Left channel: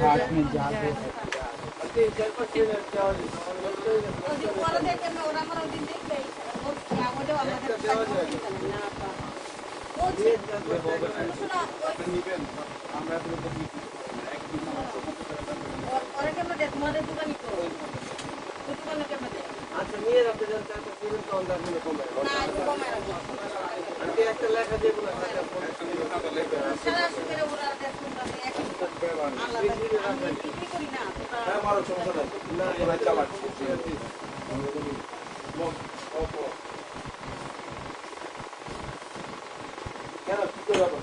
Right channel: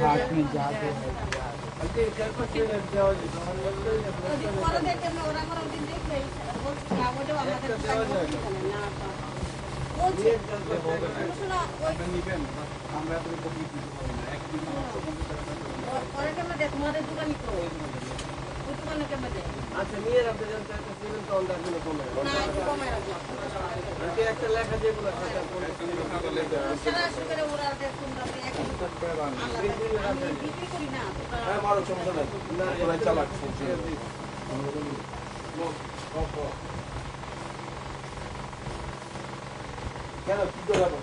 हाथ में जादू है। আচ্ছা নিয়ে রাখতে যান, চারটা সিমেন্ট কাউন্টার গুলো কমে একটা লেখা দিয়ে গুলো কেন কি করবো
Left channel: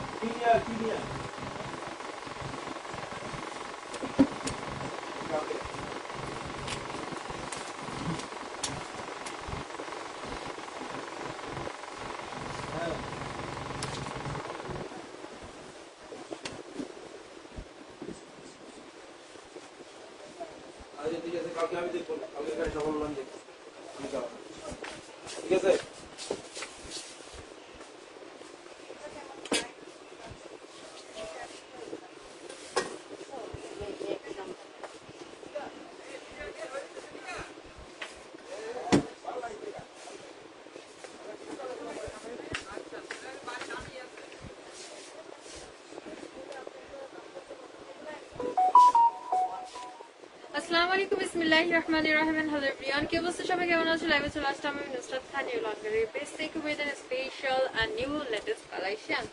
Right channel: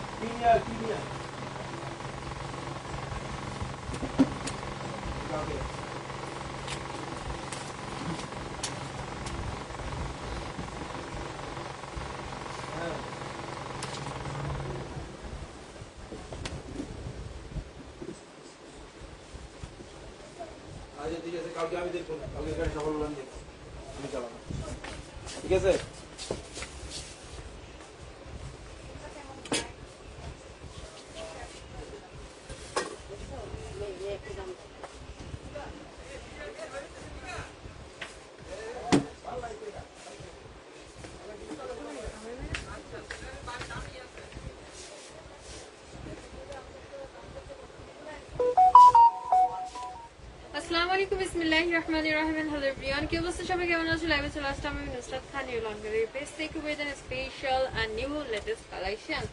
কালকে আমি দেখবো, কালকে গাড়ি সফল মান দেখবো, আমি চালাবো, ঠিক আছে? আসসালামু আলাইকুম, বিসমিল্লাহির রহমানির রহিম। হ্যালো এভরিওয়ান, কি অবস্থা সবাই, কেমন আছো? লাইভে চলে আসলাম আমি Nusrat Khan, new laundry page থেকে with an special and new latest collection.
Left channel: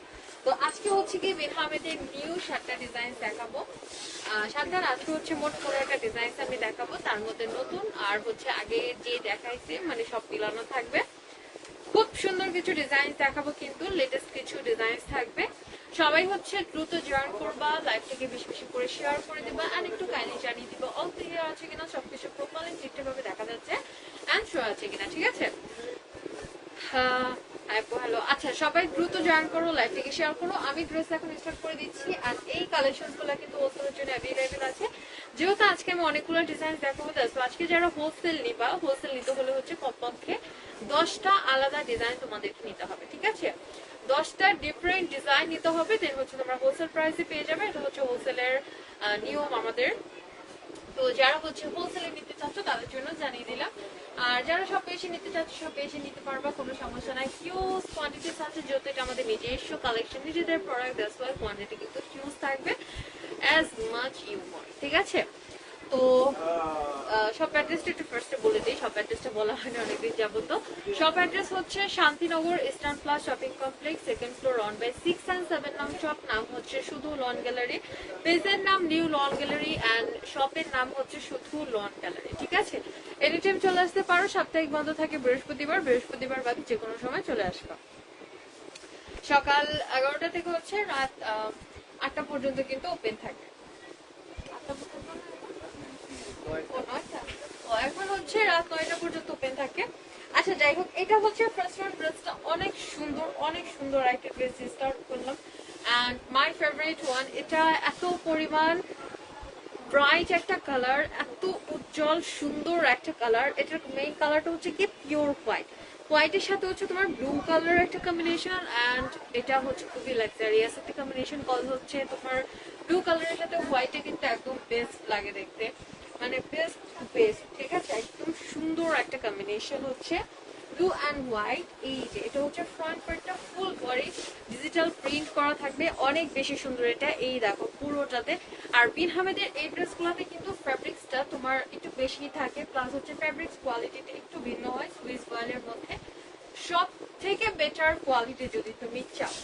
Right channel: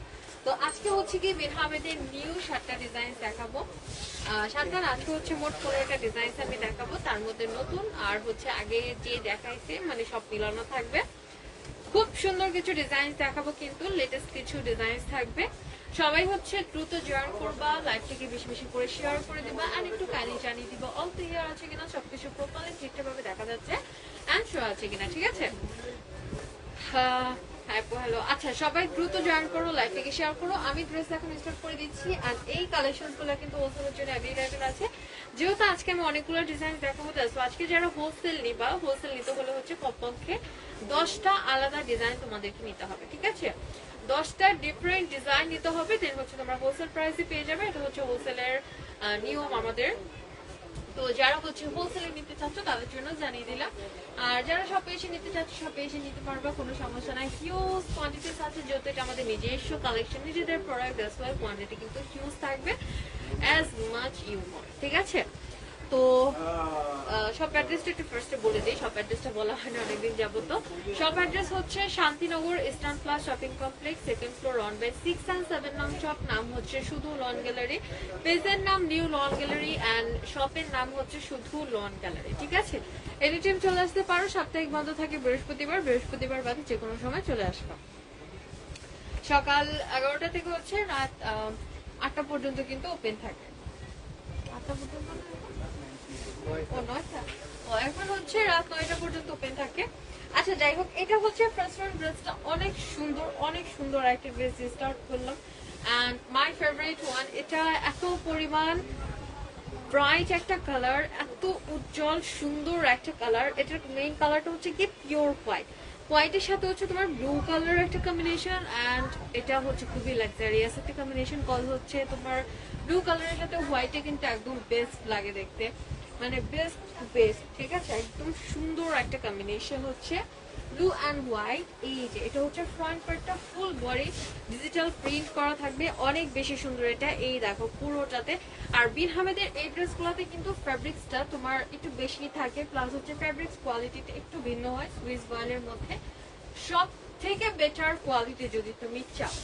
তো আজকে হচ্ছে কি বিহামেদের নিউ 7টা ডিজাইন দেখাবো। সাথে আজকে হচ্ছে মোট 15টা ডিজাইন আমি দেখাবো, তার মধ্যে নতুন আর হচ্ছে আগে যে দেখাইছে মানে সব মিলানো থাকবে। খুব সুন্দর কিছু ডিজাইন দেখাবো, কিন্তু লেটেস্ট কিছু ডিজাইন থাকবে। সবাই হচ্ছে দ্রুত জয়েন করবা, লাইভটাকে বেশি বেশি করে শেয়ার করে দিবা আর একটু কাইন্ডলি জানিয়ে দিবা অল ক্লিয়ার আছে কিনা, সবকিছু প্রপারলি ঠিকঠাকভাবে দেখা যাচ্ছে এন্ড শো আছে কিনা, ঠিক আছে? হ্যালো, আচ্ছা সবাই দ্রুত জয়েন করো, লাইভটাকে শেয়ার করো। আমি ড্রেস এখন স্টার্ট করে দিচ্ছি আর এই কালেকশন গুলো কিন্তু হোলসেলের জন্য অ্যাভেলেবেল আছে। যেহেতু আজকে আমি অনেকগুলো ডিজাইন দেখাবো, তো আজকে যারা হোলসেল নিবা, হোলসেল নিতে হলে হচ্ছে কমপক্ষে 10টা আলাদা ডিজাইন তোমাদেরকে নিতে হবে, ঠিক আছে? 10টা ডিফারেন্ট ডিজাইন নিতে হবে, দেন হচ্ছে তোমরা হোলসেল প্রাইসে পেয়ে যাবে। এটা হচ্ছে হোলসেলের নিয়ম আমাদের। তো যারা হচ্ছে হোলসেলে নিতে চাচ্ছ তাদের জন্য জানিয়ে দিলাম, আর যারা সব এসে নিতে চাচ্ছ সব এসে নিতে পারবা, কোনো সমস্যা নাই। হিউজ কোয়ান্টিটিস আছে, যেহেতু এটা আমাদের নিজস্ব কালেকশন, নিজেদের প্রোডাক্ট, দ্যাটস ওয়াই কোয়ান্টিটি কিন্তু হিউজ থাকবে, অ্যাজ মাচ ইউ ওয়ান্ট, ঠিক আছে? তো সব অ্যাড্রেসটা একটু ফার্স্টে বলে দিই, সব অ্যাড্রেসটা বলা হয়নি অনেকদিন যাবত। সব অ্যাড্রেস হচ্ছে Shantinagar eastern plus shopping complex, 2nd floor, 1/6 and 7 নাম শপ, নাম হচ্ছে শুধু লন গ্যালারি, পেজের নাম নিউ লন গ্যালারি অ্যান্ড শপের নাম হচ্ছে শুধু লন গ্যালারি, ঠিক আছে? এনি টাইম চলে আসতে পারো, সাপ্তাহিক বন্ধ থাকে বৃহস্পতিবার, বৃহস্পতিবার বাদে যে কোনো সময় চলে আসবা। সকাল 11টা থেকে হচ্ছে রাত 8টা পর্যন্ত কিন্তু ওপেন থাকে। এখন হচ্ছে রাত 9টা পর্যন্ত ওপেন থাকে। আচ্ছা যাই হোক, এটা হচ্ছে ফার্স্ট ড্রেসটা অনেক সুন্দর, অনেক সুন্দর একটা ড্রেস স্টার্ট করলাম এন্ড মাই ফেভারিট ওয়ান। এটা এত পরিমাণ ব্রাইট একটা কালার, এত উজ্জ্বল সুন্দর একটা কালার। এটার মেইন কালারটা হচ্ছে কি পিওর হোয়াইট, হোয়াইটের সাথে হচ্ছে তোমার ব্লু কালার একটা কম্বিনেশন, এন্ড এটা হচ্ছে খুবই লাক্সারিয়াস একটা কম্বিনেশন। কল হচ্ছে তোমার ব্লু কালারের সাথে হোয়াইটে কিন্তু একদম বেস্ট লাগে দেখতে, মানে বেস্ট বেস্ট, ঠিক আছে? একদম সুন্দর একটা কম্বিনেশন হচ্ছে ব্লু অ্যান্ড হোয়াইট। এই যে এটা হচ্ছে ফ্রন্ট পার্টটা, ফুল বডি ডিজিটাল প্রিন্ট করা থাকবে, অনেক বেশি সুন্দর এটা। এই দেখো পুরোটাতে। আর বিনহামেদের এই ড্রেসগুলোতে কিন্তু ফ্যাব্রিক্সটা তোমার একটু বেশি থাকে, প্লাস হচ্ছে ফ্যাব্রিক্স কোয়ালিটিটা একটু ভিন্ন হয় সুইস বয়েলের মধ্যে। সব থেকে বেটার কোয়ালিটি যদি তুমি চাও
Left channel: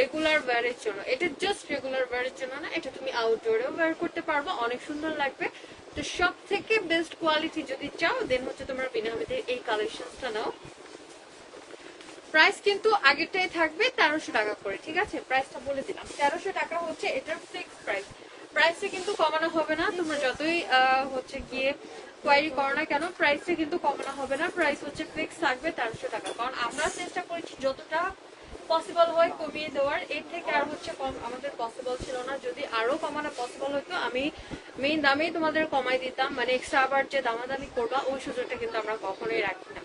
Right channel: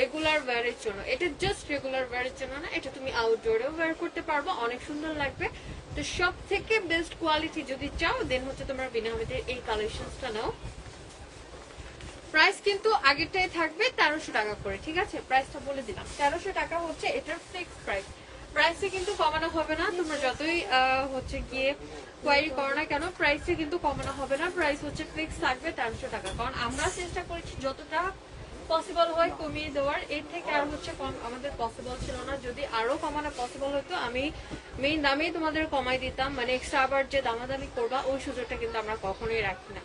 রেগুলার ওয়্যারের জন্য, এটা জাস্ট রেগুলার ওয়্যারের জন্য না, এটা তুমি আউটডোরেও ওয়্যার করতে পারবো, অনেক সুন্দর লাগবে। তো সব থেকে বেস্ট কোয়ালিটি যদি চাও দেন হচ্ছে তোমরা বিনহামেদের এই কালেকশনটা নাও। প্রাইস কিন্তু আগেরটাই থাকবে 1300 টাকা করে, ঠিক আছে? প্রাইসটা বলে দিলাম 1300 টাকা হচ্ছে এটার ফিক্সড প্রাইস। প্রাইসটা কিন্তু কমানো হবে না, তোমরা যতই হচ্ছে গিয়ে কোয়ারি করো না কেন, প্রাইসটা কিন্তু কমানো হবে না। প্রাইস হচ্ছে ফিক্স থাকবে 1300 টাকা, কারণ আমরা চেষ্টা করেছি যতটা পসিবল হয় কমিয়ে দেওয়ার। এই থেকে আর হচ্ছে কম আমাদের পসিবল ছিল না। যদি আরো কমানো পসিবল হতো আমি মেইন দামে তোমাদের কমাই দিতাম, মানে এক্সট্রা আবার যে দামাদামি করবা ওই সুযোগটা কিন্তু আমরা কখনোই রাখি না,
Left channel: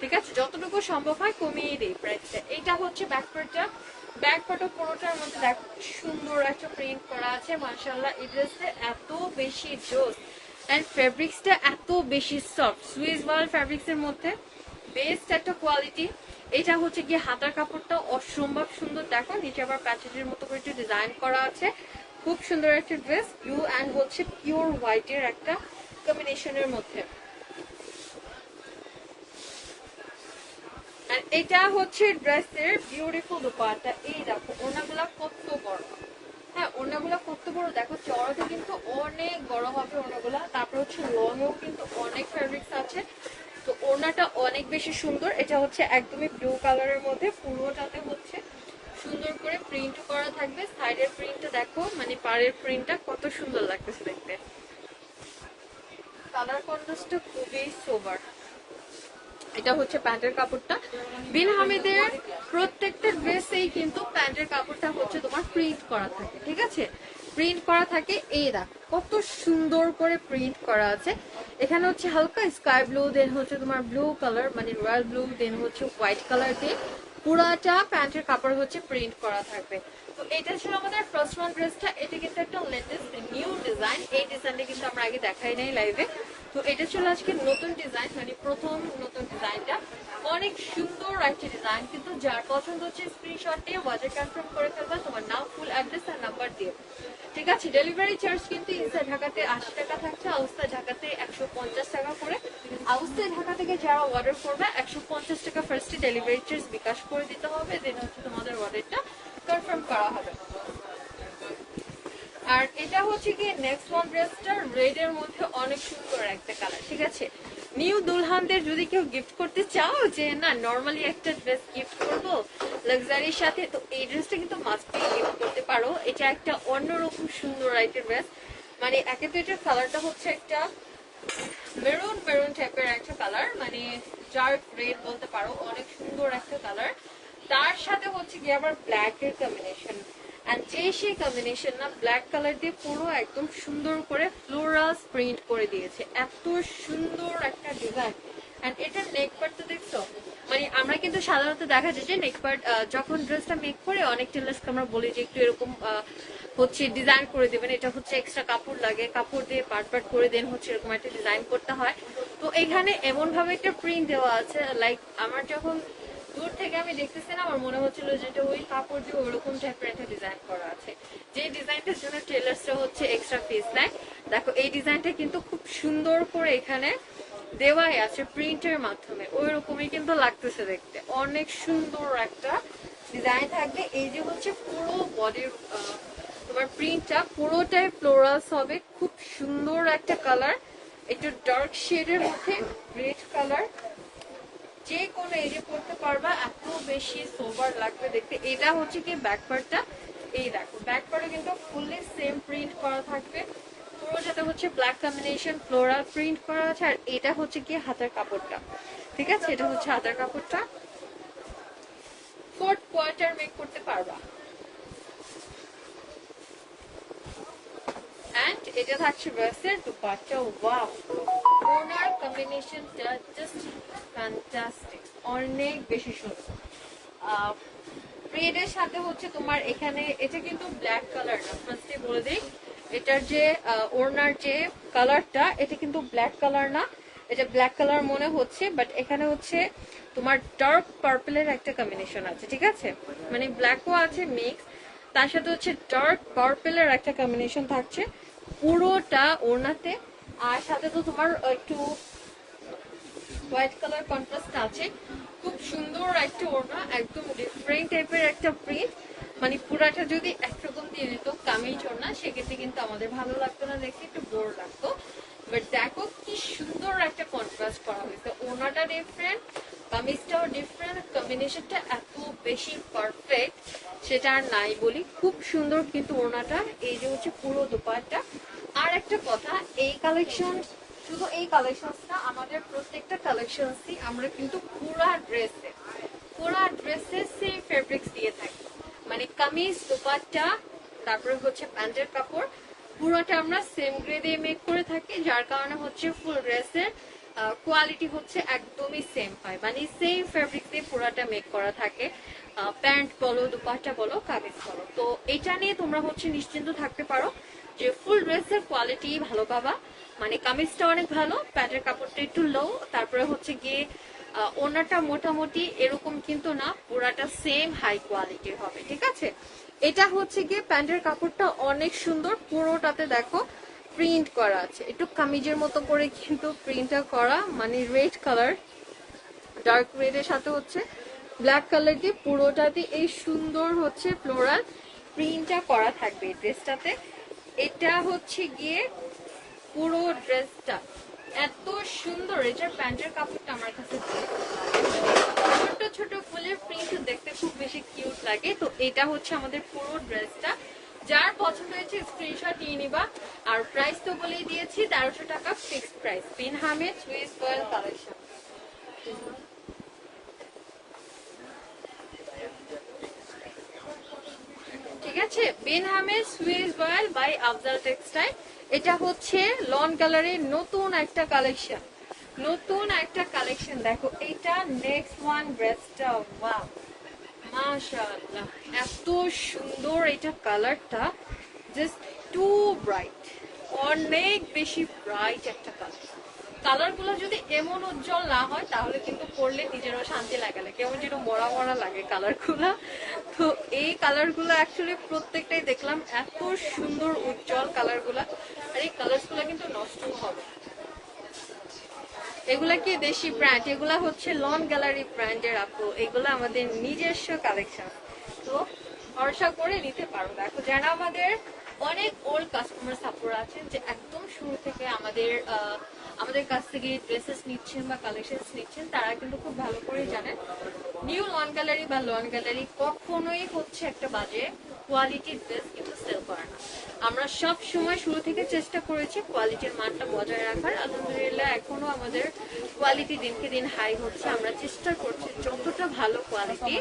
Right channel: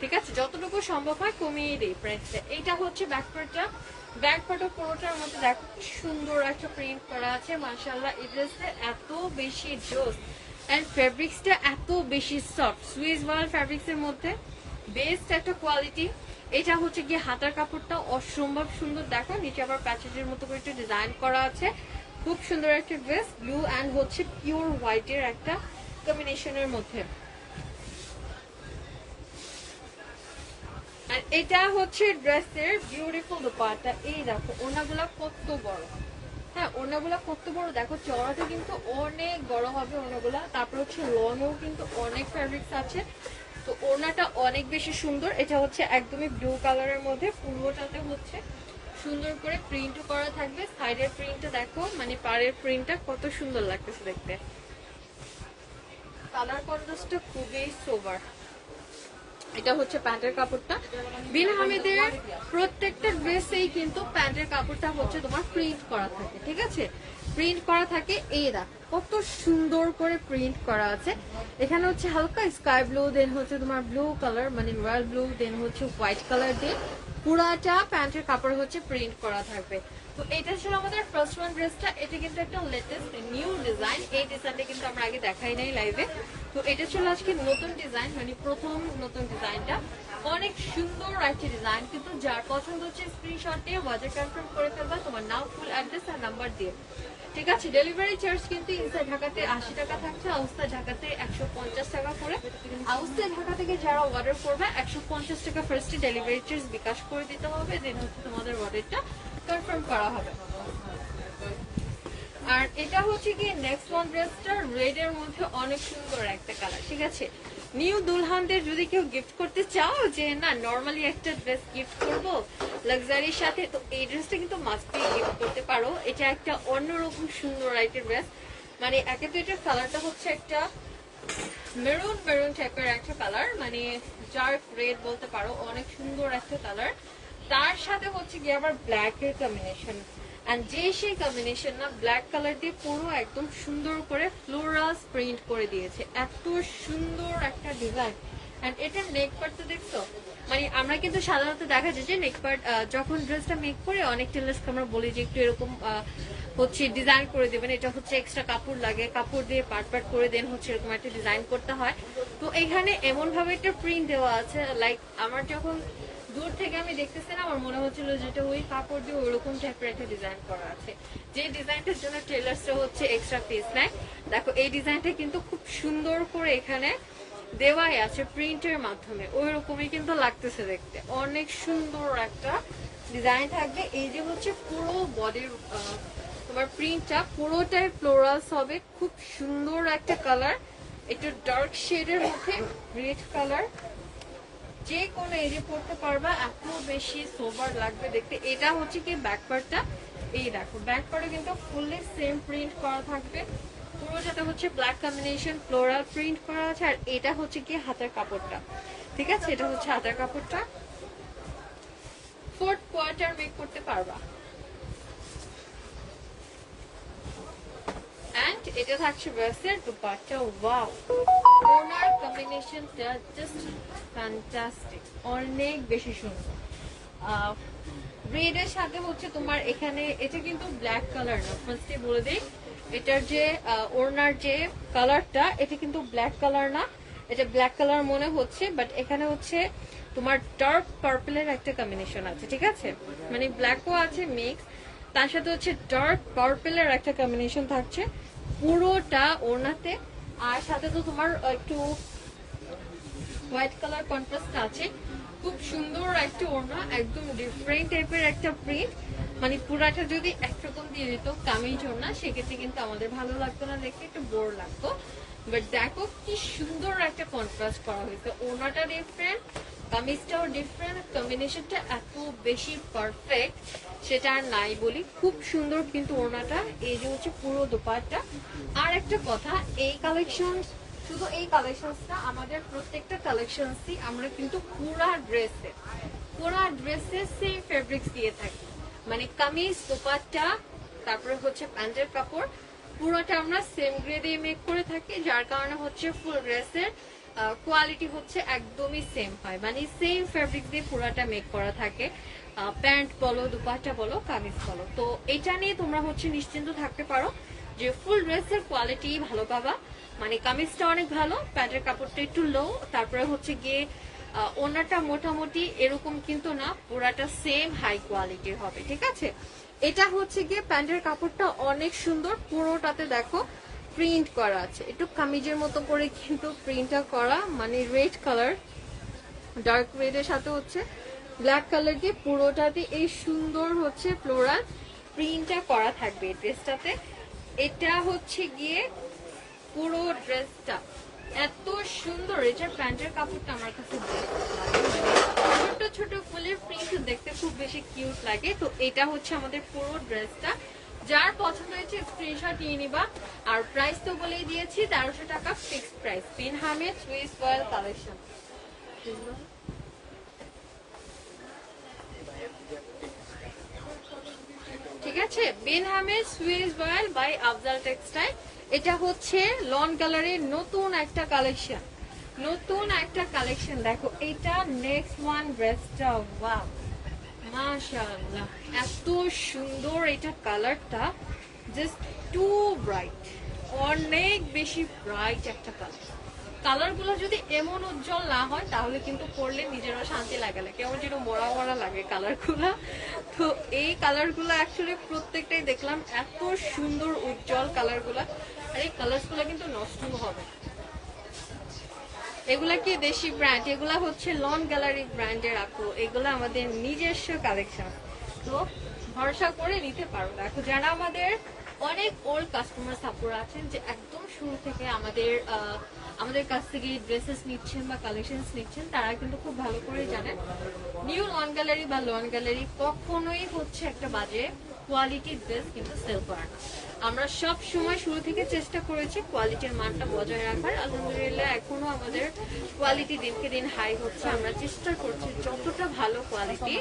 ঠিক আছে? যতটুকু সম্ভব হয় কমিয়ে দিই প্রাইসটা। এটা হচ্ছে ব্যাকপ্যাকটা, ব্যাক ফটো পুরোটার মধ্যে দেখো সুন্দর একটা প্রিন্ট করা আছে মাশাআল্লাহ। এই ড্রেসটা এত বেশি জোস এন্ড ফেব্রিক্সটা এত বেশি সফট, সুইস ওয়াল ফেব্রিক্স এর মধ্যে বেস্ট একটা কোয়ালিটি। এটা হচ্ছে গিয়ে হাতার কাপড়টা অসম্ভব সুন্দর, দেখো নিচে আবার প্যাচেজের মতো করে ডিজাইন করা আছে। খুব সুন্দর একটা ড্রেস, ব্লু অ্যান্ড হচ্ছে পিওর হোয়াইটের একটা কম্বিনেশনের মধ্যে। আর এটা হচ্ছে ড্রেসের বিউটিফুল দোপাট্টা। এই দেখো ওনাগুলা কত বড়, হ্যাঁ ওনাগুলা কত বড় দেখো, চড়াতে কিন্তু অনেক বড় হবে ওনাগুলা। তারপর হচ্ছে লনও কিন্তু অনেক ফেব্রিক্স আছে, তো ওনাটা অনেক বেশি সুন্দর। এটা হচ্ছে একদমই ব্লু কালারের মধ্যে, পুরোটাতে হচ্ছে সুন্দর করে প্রিন্ট করা থাকবে। সাইডের প্রিন্টটা দেখো, মানে পাড়ের প্রিন্টটা কত সুন্দর লাগতেছে দেখতে। কালার কন্ট্রাস্টটা খুবই সোবার। এটা হচ্ছে প্যান্টের কাপড়টা। বিন হামিদের প্রত্যেকটা ড্রেসেই কিন্তু প্যান্টের কাপড়টা হচ্ছে তোমার প্রিন্ট করা থাকে, ঠিক আছে, প্রিন্ট করা থাকে। এই দেখ কত সুন্দর করে প্রিন্ট করা আছে। এখানে হচ্ছে হালকা স্কাই ব্লু, দেন হচ্ছে তোমার ব্লু কালার মানে রয়্যাল ব্লু, দেন হচ্ছে হোয়াইট কালার দিয়ে পুরাটা প্যান্টের কাপড় হচ্ছে প্রিন্ট করা থাকবে। তো এটা ছিল আমাদের ফার্স্ট ওয়ান ড্রেসটা। এটা কিন্তু একটা লেটেস্ট নিউ ডিজাইন, এই ডিজাইনটা কিন্তু আমরা আগে দেখাই নাই লাইভে। তো এটা ছিল আজকে নতুন ডিজাইন, মানে প্রথম নতুন ডিজাইনটা। অনেক সুন্দর একটা ডিজাইন, কিন্তু যার পছন্দ হচ্ছে স্ক্রিনশট দিয়ে ওয়াটার কনফার্ম করে ফেলবা, তোমার নাম, ফুল অ্যাড্রেস আর নাম্বার দিয়ে, ঠিক আছে। ডেলিভারি চার্জ কিন্তু ইনসাইড ঢাকাতে 80 টাকা থাকছে, আউটসাইড ঢাকাতে 150 টাকা করে। আউটসাইড ঢাকা থেকে যারা অর্ডার করবে 150 টাকা ফার্স্টে ডেলিভারি চার্জ বিকাশ করে দিতে হবে, দেন হচ্ছে তোমাদের অর্ডারটা কনফার্ম করা হবে। আর এটা হচ্ছে কি নেক্সট ওয়ান ড্রেসটা রেড এর মধ্যে অনেক সুন্দর একটা কালার, ঠিক আছে। নিউ দুলহানদের যদি কেউ গিফট করতে চাও যে না নরমালি একটা ড্রেস গিফট করবো লাক্সারির সাথে, তো এই ড্রেসটা কিন্তু মাস্ট গিফট করতে পারো। এটা একটা অন্যরকম সুন্দর একটা ড্রেস, মানে একে তো এটার কালারটা হচ্ছে একটা মেরুন মেরুন টাইপের একটা কালার, মানে ডার্ক রেড বলতে পারো, অনেক সুন্দর একটা কালার। তার সাথে হচ্ছে গিয়ে আবার ব্ল্যাক এর কম্বিনেশন, এন্ড যে সেই কম্বিনেশন না ব্ল্যাক কালার দিয়ে পুরো একদম সুন্দর করে ফ্লোরাল প্রিন্ট করে দিয়েছে। এত সুন্দর একটা ডিজাইন। এন্ড এটার নেক পার্টটা দেখছো, মানে আমরা কিন্তু সাধারণত দেখা যায় যে নেক পার্ট যখন ড্রেসটা মেক করে অনেক টেলার্সকে আমরা বলি যে একটু এরকম হচ্ছে ডিজাইন করে দেবেন, এটা হচ্ছে এক্সট্রা কাপড় লাগে, কাপড় দিয়ে পার্ট পার্ট করে দেন হচ্ছে এরকম একটা ডিজাইন করতে হয়। তো এখানে এমন ভাবে একটা প্রিন্ট দেওয়া আছে, লাইক আমার যখন দূর থেকে আমি দেখতেছি না, আমার মনে হচ্ছিল যেটা ওই কাপড় দিয়ে ওরকম টাইপের একটা ডিজাইন করা আছে, যে ডিজাইনটার জন্য টেলার্সটা হচ্ছে এক্সট্রা ফিস নেয়। দেখো এই ডিজাইনটা কিন্তু খুব সুন্দর করে এখানে দেওয়াই আছে প্রিন্টের মাধ্যমে, ওই রকমই কিন্তু লাগতেছে দেখতে, অনেক সুন্দর একটা ডিজাইন থাকবে। এই যে হচ্ছে পুরো বডির তোমার প্রিন্টটা পুরোটাই ফ্লোরালস হবে, খুব সুন্দর একটা কালার, একটু ডার্ক শেডের মধ্যে রেড কালার, যে কোনো এরিয়া পড়তে পারবা, এত বেশি সোবার লাগবে দেখতে। এটা হচ্ছে কি ব্যাকপার্টটা, এই দেখো ব্যাকপার্টে কিন্তু ফুললি সেম প্রিন্ট করা থাকবে, পুরো যেটা হচ্ছে ব্ল্যাক কম্বিনেশন ফ্লোরাল প্রিন্ট করা আছে। আর এটা হচ্ছে কি হাতের কাপড়টা, ঠিক আছে, এটা হচ্ছে হাতের কাপড়টা, ফোর্থ কোয়ার্টার মেক করতে পারবা। এন্ড এটা থাকছে ড্রেসের দুপাট্টা। ওয়াও, ওনার কম্বিনেশনটা জাস্ট ফ্যান্টাস্টিক, অনেক বেশি সুন্দর। রেড এর সাথে হচ্ছে তোমার এখানে এটা কিন্তু ব্ল্যাক কালার না, ফার্স্টে বলে দিই, এটার যে ওনার যে কালারটা এটা কিন্তু ব্ল্যাক কালার না, এটা ব্ল্যাক কালার মনে হচ্ছে, বাট এখানে হচ্ছে তোমার ডার্ক পার্পলের একটা কম্বিনেশন আছে, ঠিক আছে, মানে ব্ল্যাকও আছে মিক্স, তার সাথে হচ্ছে ডার্ক পার্পলের একটা কম্বিনেশন থাকছে পুরোটা ওনাতে। আর সাথে তো তোমার একটু হোয়াইট কালার কন্ট্রাস্ট আছে, খুব সুন্দর একটা ওড়না, একদম ডিফারেন্ট টাইপের একটা প্রিন্ট, মানে পুরাটা যদি একরকম দিয়ে দিত কামিজ ওড়না সেক্ষেত্রে কিন্তু আমাদের ভালো লাগতো না দেখতে, একটু বোর লাগতো। বাট দেখো কি সুন্দর একটা কন্ট্রাস্ট করা হয়েছে, ওড়নাটা ডিফারেন্ট, কামিজটাও ডিফারেন্ট, কম্বিনেশনটা এত বেশি পারফেক্ট সেটা আর নাই বলি, খুব সুন্দর কিন্তু ওড়নাটা। এই যে হচ্ছে পুরো দোপাট্টা। আর একটা কথা, এই কালেকশন শুধু এই কালেকশনটা, আমাদের প্রত্যেকটা কালেকশনসই আমরা কিন্তু পুরা ড্রেসে সেম ফেব্রিক্স দিয়ে থাকি, মানে কামিজ দোপাট্টা তারপরে হচ্ছে প্যান্টের কাপড় পুরোটা আমরা সেম গ্রেডে মেক করে থাকি, যার কারণে হচ্ছে ফুল ড্রেসের কোয়ালিটি হচ্ছে একদমই সেম হয়, মানে সেম ফেব্রিক দিয়ে পুরোটা মেক করা থাকে। প্যান্ট বলো, দুপাট্টা বলো, কামিজ বলো। তো এটা নিয়ে তোমরা হচ্ছে নিশ্চিন্ত থাকতে পারো যে ফুল ড্রেসের কোয়ালিটি ভালো পাবা। মানে কামিজটা অনেক ভালো, প্যান্টের কাপড়টা একটু লো, তারপরে হচ্ছে গিয়ে ওনাটা মোটামুটি এরকম কিন্তু না, পুরাটা সেম হাই কোয়ালিটির হবে, ঠিক আছে। এটা হচ্ছে গিয়ে প্যান্টের কাপড়টা অনেক সুন্দর, পুরোটাতে দেখো প্রিন্ট করা আছে, একটু কামিজের মতো করে কিন্তু প্রিন্টটা করা, মানে রেড কালার, ডার্ক রেড এর সাথে হচ্ছে ব্ল্যাক কালার দিয়ে পুরোটাতে এই সুন্দর হচ্ছে ফ্লোরাল প্রিন্টটা করা থাকবে এই ড্রেসটাতে। এটা হচ্ছে গিয়ে পুরো ড্রেসটা এত সুন্দর, এটা প্যান্টের কাপড়টা আমার কাছে ছোট ছোট ফুলের প্রিন্ট দেখতে খুব বেশি কিউট লাগে। তো এটা হচ্ছে আমাদের পুরো ড্রেসটা, যার পছন্দ হয়েছে স্ক্রিনশট নিয়ে নিবা। আর প্রাইস তো বলেই দিয়েছি, 1300 টাকা fixed price. Bin Hamed Swiss royal collection, ঠিক আছে। Bin Hamed Swiss royal by Afzal textile. এটা হচ্ছে লন কালারের নতুন একটা কালেকশন, নতুন একটা কালেকশন। দেখো এটা নেক্সট ওয়ান ড্রেসটা, ওয়াও মাশাআল্লাহ এত সুন্দর, এটা কালারটা জাস্ট টু ব্রাইট, অনেক বেশি ব্রাইট একটা কালার। কালারগুলো যদি এমন উজ্জ্বল না হয় তাহলে কিন্তু পরলে নিজেরও শান্তি লাগালে, কেমন যেন মরা মরা লাগে কালারগুলা। তো এই কালারগুলো অ্যাকচুয়ালি প্রত্যেকটাই দেখলাম এত সুন্দর উজ্জ্বল কালারগুলা, আর এই কালারগুলো কিন্তু নষ্ট হবে। এগুলা কি দেশি ব্র্যান্ড, এগুলা হচ্ছে লন গ্যালারি ব্র্যান্ডের আপু, এগুলো আমাদের নিজস্ব কালেকশন, তো ভরসা করে নিতে পারো। দেখো যারা আমাদের অনেক ওল্ড কাস্টমার সাপোর্ট আছেন, যে একদম শুরু থেকে আমাদের কাছ থেকে ড্রেসেস নিচ্ছেন বা কালেকশনস নিচ্ছেন, তারা কিন্তু খুব ভালো করে জানেন নিউ লন গ্যালারি বা লন গ্যালারি কখনোই হচ্ছে একটা বাজে কোয়ালিটির ড্রেস কিন্তু সেল করে না। আমরা সব সময় শুরু থেকে চেষ্টা করেছি কোয়ালিটির মানটা বজায় রাখার। আলহামদুলিল্লাহ এখনো আমাদের কোয়ালিটি দিনকে দিন হাই হচ্ছে। আমরা চেষ্টা করছি যতটা ভালো কোয়ালিটি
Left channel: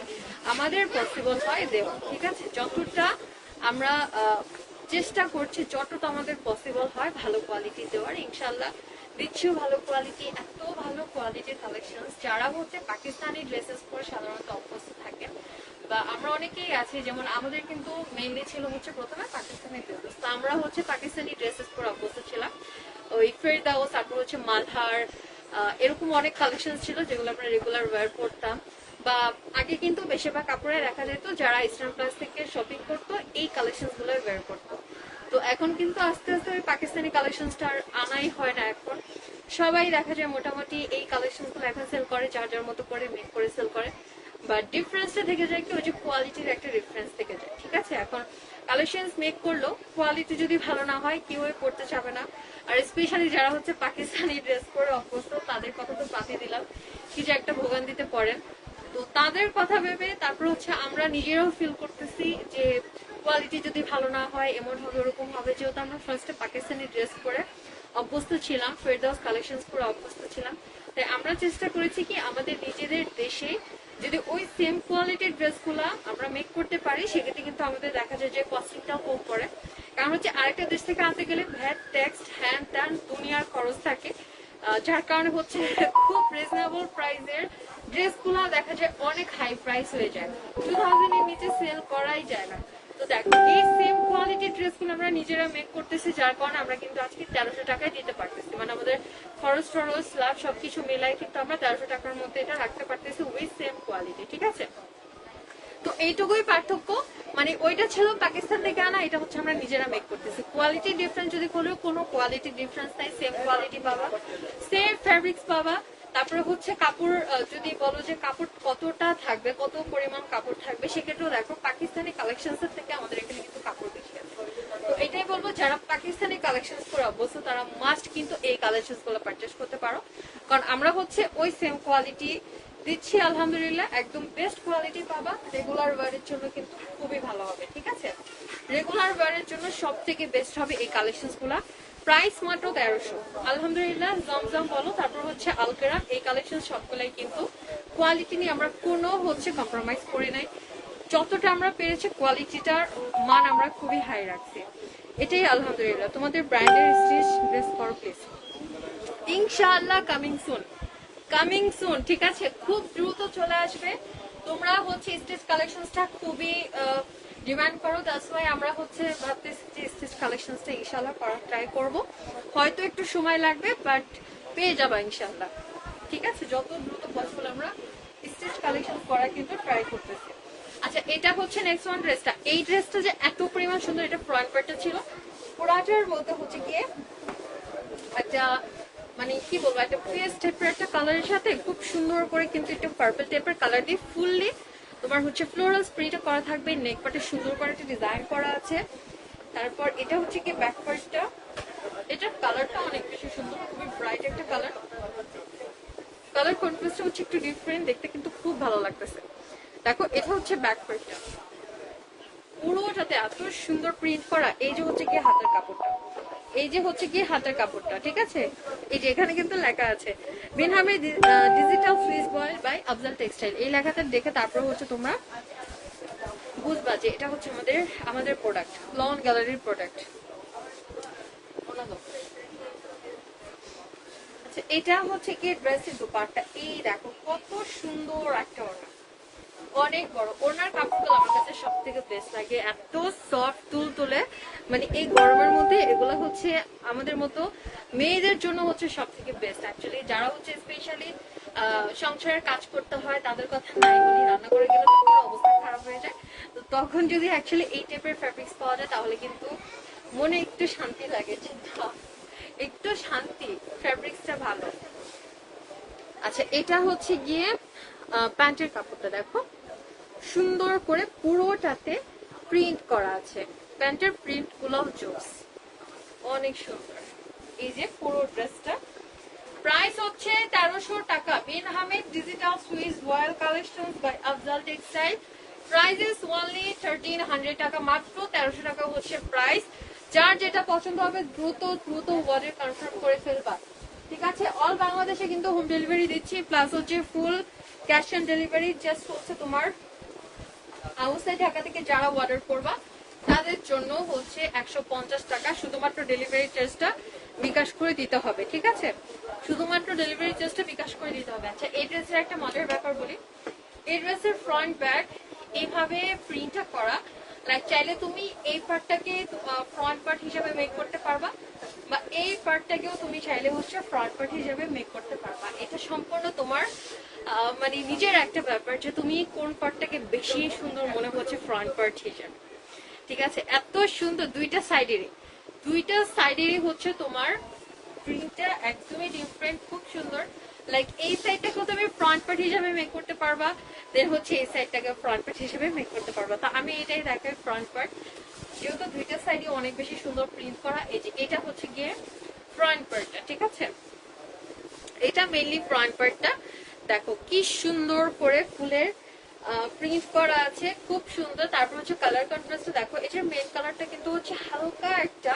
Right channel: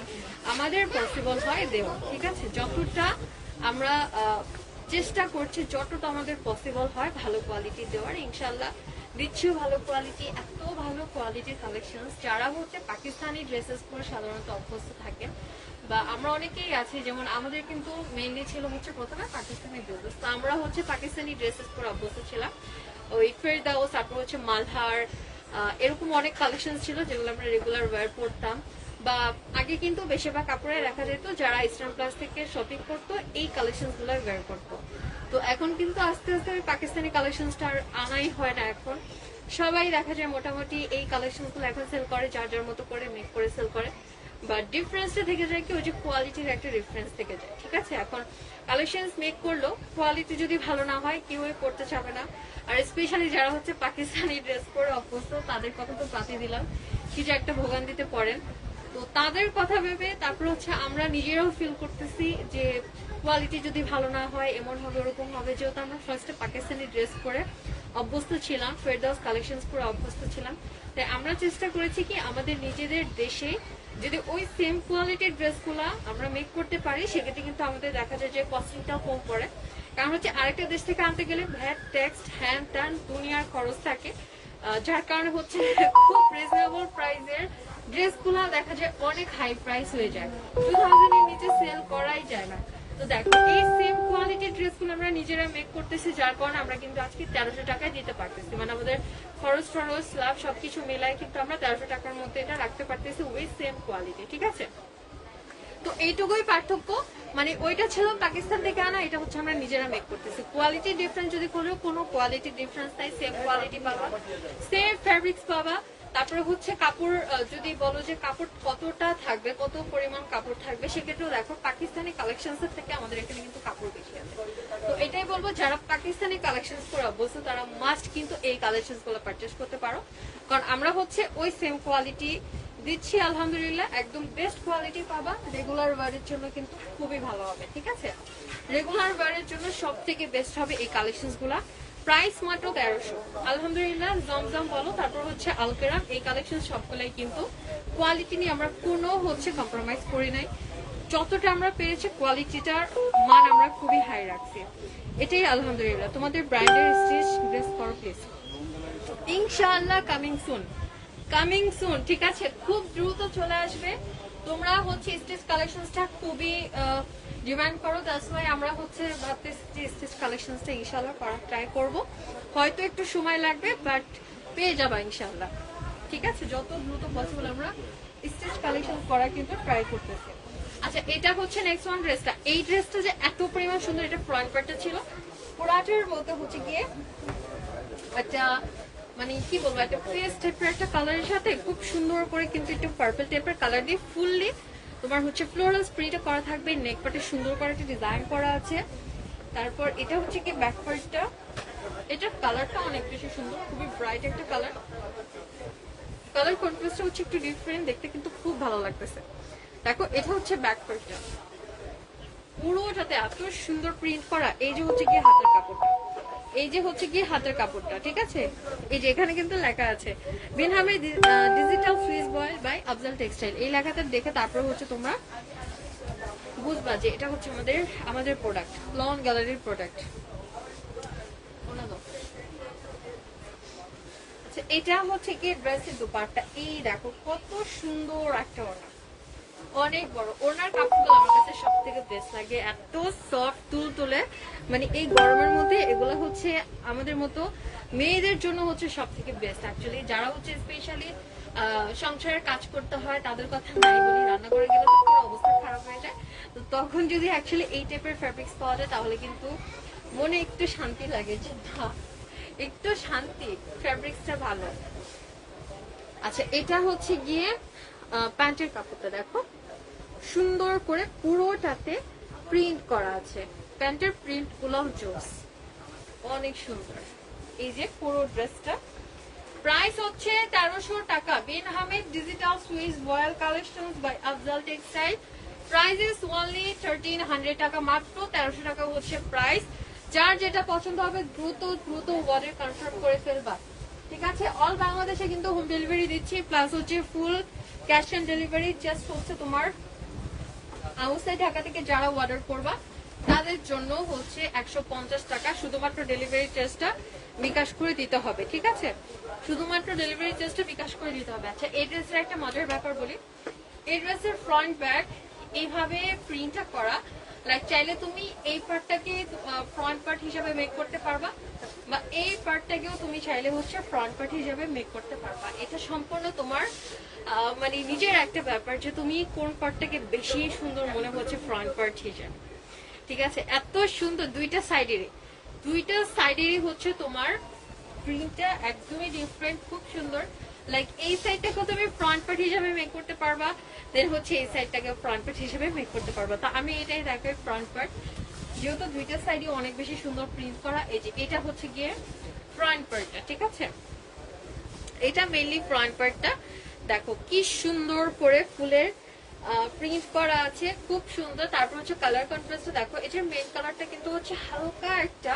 আমাদের পসিবল হয় দেওয়া, ঠিক আছে। যতটা আমরা চেষ্টা করছি, যতটা আমাদের পসিবল হয় ভালো কোয়ালিটি দেওয়ার, ইনশাল্লাহ দিচ্ছিও ভালো কোয়ালিটি। এত ভালো কোয়ালিটির কালেকশন, যারা হচ্ছে পাকিস্তানি ড্রেসেস পরে সাধারণত অভ্যস্ত থাকে, বা আমরা অনেকেই আছি, যেমন আমাদের কিন্তু মেইনলি ছিল হচ্ছে প্রথমে পাকিস্তানি ড্রেসেস, তো আমরা হচ্ছে পাকিস্তানি ড্রেসেস পরে অভ্যস্ত ছিলাম। ওই ফেরদাউস, তারপর হচ্ছে মালহার, এরকম অনেক কালেকশন ছিল যেগুলো আমরা রেগুলার ওয়্যার করতাম। বা আগে কিন্তু বেশিরভাগ কাপড়ে দেখা যেত যারা ইসলাম প্লাস থেকে শপিং করতো এই কালেকশন গুলো ওয়্যার করতো। তো এখন কিন্তু আস্তে আস্তে পাকিস্তানি কালেকশনটা আর আনাই হয় না। এখন সবাই দেখা যায় মোটামুটি এই কালেকশন গুলো এখন সেল করে, যার যার মতো করে মেক করে সেল করে। বাট ডিফারেন্সটা থেকে যায় কি, ওই যে কোয়ালিটির একটা ডিফারেন্স থেকে যায়, ঠিক আছে। এখন কালেকশন মেক করলো, কোয়ালিটি যদি ভালো না হয় কেউ করতে চাবে না। আর স্পেশালি যারা হচ্ছে পাকিস্তানি ড্রেস পরে অভ্যস্ত, তাদের কথা তো বাতি দিলাম, কি যে একটা ভোগান্তিতে পড়েন। তো তাদের কথা ভেবে তারপর হচ্ছে আমরা নিজেরাও ফিল করতেছি যে কোয়ালিটি যদি ভালো না হয় এমন হবে ওরকম হবে। যেহেতু আমরা ফার্স্টে পাকিস্তানি ড্রেস পরে অভ্যস্ত ছিলাম, ফেরদাউস কালেকশন করে অভ্যস্ত ছিলাম, তাই আমরা চেষ্টা করেছি কি আমাদের নিজেদের দেশে যদি ওই সেম কোয়ালিটির ড্রেসগুলো আমরা মেক করতে পারি, সেক্ষেত্রে কিন্তু আমাদের দেখা যায় যে কস্টিংটা কম পড়ে। কারণ হচ্ছে আরেকটা দেশ থেকে আনতে গেলে ভ্যাট, ট্যাক্স, হ্যান ত্যান দুনিয়ার খরচ থাকে, যার কারণে হচ্ছে খুব রিজনেবল প্রাইসের ড্রেসগুলো দেখা যায় অনেক হাই প্রাইস হয়ে যায়, 2000 এর নিচে সেল করাই যায় না। তো দেখো এই সেম কোয়ালিটির ড্রেসগুলো আমরা নিজেরা মেক করতেছি, যার কারণে আমরা কিন্তু আজকে 1300 টাকায় দিতে পারতেছি। মানে আমাদের খরচ টরচ স্ল্যাব সবকিছু মেলায় কিন্তু আমরা 1300 টাকার মধ্যে এটা রাখতে পারতেছি উইথ সেম কোয়ালিটি, ঠিক আছে। তো এইটুকুই পার্থক্য, মানে ওইটা ছিল পাকিস্তান থেকে আনা, এটা হচ্ছে আমরা নিজেরা মেক করতেছি। কোয়ালিটি ডিফারেন্স যদি কোনো কোয়ালিটি ডিফারেন্স নাই, সেম কোয়ালিটি পাবা, সেম ফ্যাব্রিক্স পাবা। তারপরে হচ্ছে কাপড়, যদি বলো যে কাপড় কতটা থাকবে, কত পরিমাণ কাপড় থাকবে, সেক্ষেত্রেও দেখো পাকিস্তানি কালেকশন থেকে আমাদের এখানে কিন্তু কাপড় বেশি আছে। তো এটাই বলবো, যারা পাকিস্তানি কালেকশন করে অবশ্য তারা মাস্ট কিন্তু এই কালেকশন গুলো পারচেস করতে পারো, কারণ আমরা হচ্ছে ওই সেম কোয়ালিটি দিচ্ছি। আলহামদুলিল্লাহ একদম বেস্ট কোয়ালিটি পাবা। রেগুলার ওয়ারের জন্য কিন্তু খুবই ভালো হবে, ঠিক আছে। রেগুলার ওয়ারের জন্য সব থেকে বেস্ট হবে এই কালেকশন গুলা। প্রাইস মাত্র 1300। আলহামদুলিল্লাহ জমজম বলো, তারপর হচ্ছে আলকেরা, এই কালেকশন সবগুলাই কিন্তু কোয়ালিটি নিয়ে আমরা কোনো হচ্ছে কম্প্রোমাইজ করি নাই। যতটা আমরা পেরেছি কোয়ালিটিটার মান আমরা খুবই হাই রাখছি, এটাই আলহামদুলিল্লাহ। তোমাদের ব্র্যান্ডের স্টিচ ড্রেস করো প্লিজ, ইনশাআল্লাহ কামিং সুন, কামিং সুন, ঠিক আছে। খুব দ্রুত চলে আসবে তোমরা হচ্ছে স্টিচ কালেকশনসটা খুবই ডিমান্ড করো, দ্যাটস ওয়াই আমরা হচ্ছে ভাবতেছি স্টিচ কালেকশনসটা ইনশাআল্লাহ করার ট্রাই করব। হয়তো একটু সময় লাগবে, বাট পেয়ে যাবা ইনশাআল্লাহ। ঠিক আছে, যত দ্রুত পসিবল আমরা স্টিচ কালেকশন করার কিন্তু ট্রাই করতেছি। আচ্ছা, এটা হচ্ছে নেক্সট ওয়ান ড্রেসটা। এই ড্রেসটা যে এত পরিমাণ সুন্দর, এটা ফ্রন্ট পার্টটা ছিল পুরাটার মধ্যে হচ্ছে গিয়ে একটা মানে কি বলবো, একটা ফেস টাইপের একটা কালারের সাথে খুব সুন্দর করে কিন্তু একটা পার্পল টাইপের কালার দিয়ে ফুললি তোমার হচ্ছে ফ্লোরাল স্প্রেটা করা থাকবে। নেক পার্টে সুন্দর করে একটা ডিজাইন করা আছে। তারপর এটা হচ্ছে কি ব্যাক পার্টটা, এটার কালারটা অনেক বেশি সুন্দর, খুবই ব্রাইট একটা কালার। কালার কন্ট্রাস্টটা হচ্ছে একটু ডিফারেন্ট, দেখতে কিন্তু খুব ভালো লাগতেছে। দেখো, এটা হচ্ছে ব্যাক পার্টটা, পুরোটাতে এত সুন্দর প্রিন্ট করা। এই যে হচ্ছে কি হাতের কাপড়টা, এই যে হচ্ছে কি হাতের কাপড়টা, ঠিক আছে। এই যে এখানে কিন্তু লেখা আছে বিন হামিদ ডিজিটাল ফ্রিজ বয়েল বাই আফজাল টেক্সটাইল। এই লেখাটা দেখে তারপরে হচ্ছে তোমরা বুঝবা যে এটা হচ্ছে আমাদের প্রোডাক্ট, লন গ্যালারির প্রোডাক্ট। আচ্ছা, এটা হচ্ছে কি ড্রেসের দুপাট্টা। এই দেখো কত সুন্দর একটা ওড়না, অনেক বড়। ওনার কাপড়গুলো আমার কাছে সব থেকে বেস্ট লাগে, এত সফট তুল তুলে। মানে এই গরমের মধ্যে এগুলো হচ্ছে আমাদের মতো মেয়েদের জন্য হচ্ছে সব থেকে বেস্ট। অ্যাকচুয়ালি যারা হচ্ছে স্পেশালি সংসারের কাজ করতে হয় তাদের কথা নাই বলি, রান্না করে গেলে অবস্থা খারাপ হয়ে যায়। তো তখন যদি অ্যাকচুয়ালি এই টাইপের ফ্যাব্রিক্স পাওয়া যায় তাহলে কিন্তু মনে একটু শান্তি লাগে, যে একটু শান্তি, ফ্যাব্রিক্সটা ভালো। আচ্ছা, এটা হচ্ছে গিয়ে প্যান্টের কাপড়টা দেখো সুন্দর করে পুরোটাতে প্রিন্ট করা আছে। প্যান্টের প্রিন্ট গুলো জোস, অনেক সুন্দর। এই যে পুরো ড্রেসটা প্রাইস হচ্ছে 1300 টাকা। Bin Hamid digital Swiss royal collection by Afzal textile. Price is only 1300 টাকা, মাত্র 1300 টাকা হচ্ছে প্রাইস। যার যেটা পছন্দ হবে দ্রুত দ্রুত অর্ডার কনফার্ম করে ফেলবা, ঠিক আছে। অল বাংলাদেশে কিন্তু হোম ডেলিভারি দিচ্ছি, প্লাস হচ্ছে full cash on delivery. Just হচ্ছে তোমার আউটসাইড ঢাকা থেকে যারা অর্ডার করবা তাদের জন্য হচ্ছে 150 টাকা শুধুমাত্র ডেলিভারি চার্জটা বিকাশ করে দিতে হবে, ঠিক আছে। শুধুমাত্র ডেলিভারি চার্জটা বিকাশ করে দিতে হবে। আচ্ছা, এই ড্রেসের একটা মজার ব্যাপার বলি, এই ড্রেসের ফ্রন্ট ব্যাক এইভাবে প্রিন্টটা করা। লাইক চাইলে তুমি এই পার্টটাকে ফ্রন্ট পার্ট হিসেবে মেক করতে পারবা, বা এই পার্টটাকেও তুমি চাইলে হচ্ছে ফ্রন্ট পার্ট হিসেবে মেক করতে পারবা। এটা সম্পূর্ণ তোমার মানে নিজের একটা ব্যাপার যে তুমি কোন পার্টটাকে বেশি সুন্দর মনে হচ্ছে ফ্রন্ট পার্ট হিসেবে, ঠিক আছে। এত সুন্দর দুইটা সাইডেরই হচ্ছে তোমার প্রিন্টটা একদমই ডিফারেন্ট, খুব সুন্দর। লাইক এই সাইডটাকে তুমি ফ্রন্ট পার্ট হিসেবে মেক করতে পারবা, দেন হচ্ছে এই সাইডটাকে ফ্রন্ট পার্ট হিসেবে মেক করতে পারবা। তো আমি এটাই দেখাই ফ্রন্ট পার্ট, যেহেতু দুইটা সাইডে অনেক বেশি সুন্দর প্রিন্ট করা। এই যে এটা হচ্ছে গিয়ে ফ্রন্ট পার্টটা, ঠিক আছে। এটা মেইনলি ফ্রন্ট পার্টটা দেখো কি সুন্দর করে ফুলের প্রিন্ট করা আছে, খুব সুন্দর। তারপর হচ্ছে কালার কন্ট্রাস্ট দেখো, এটার মেইন কালারটা কিন্তু হচ্ছে হালকা একটা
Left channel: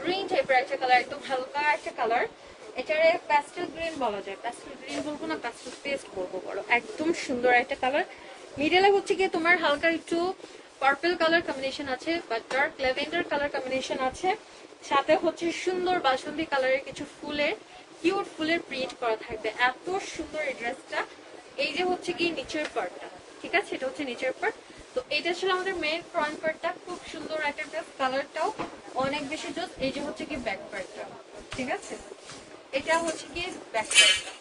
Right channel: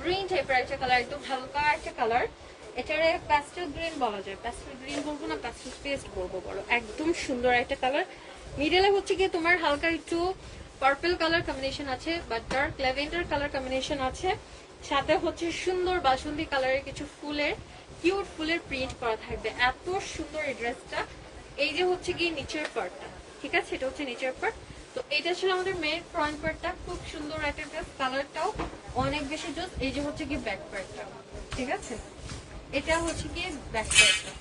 গ্রিন টাইপের একটা কালার, একদম হালকা একটা কালার। এটারে প্যাস্টেল গ্রিন বলা যায়, প্যাস্টেল গ্রিন বলবো না, প্যাস্টেল পেস্ট বলবো, বলো একদম সুন্দর একটা কালার। মিডলে হচ্ছে গিয়ে তোমার হালকা একটু পার্পল কালার কম্বিনেশন আছে, বা ডার্ক ল্যাভেন্ডার কালার কম্বিনেশন আছে। সাথে হচ্ছে সুন্দর বাসন্তী কালারের কিছু ফুলের কিউট ফুলের প্রিন্ট করা থাকবে। এত সুন্দর এই ড্রেসটা। এই যে হচ্ছে কি নিচের পার্টটা, ঠিক আছে, এটা হচ্ছে নিচের পার্ট। তো এটা ছিল আমাদের মেন ফ্রন্ট পার্টটা, খুব সুন্দর একটা ড্রেস, কালারটাও অনেক বেশি ড্রেস। এই যে হচ্ছে কি ব্যাক পার্টটা, ঠিক আছে, এটা হচ্ছে কি ব্যাক পার্টটা।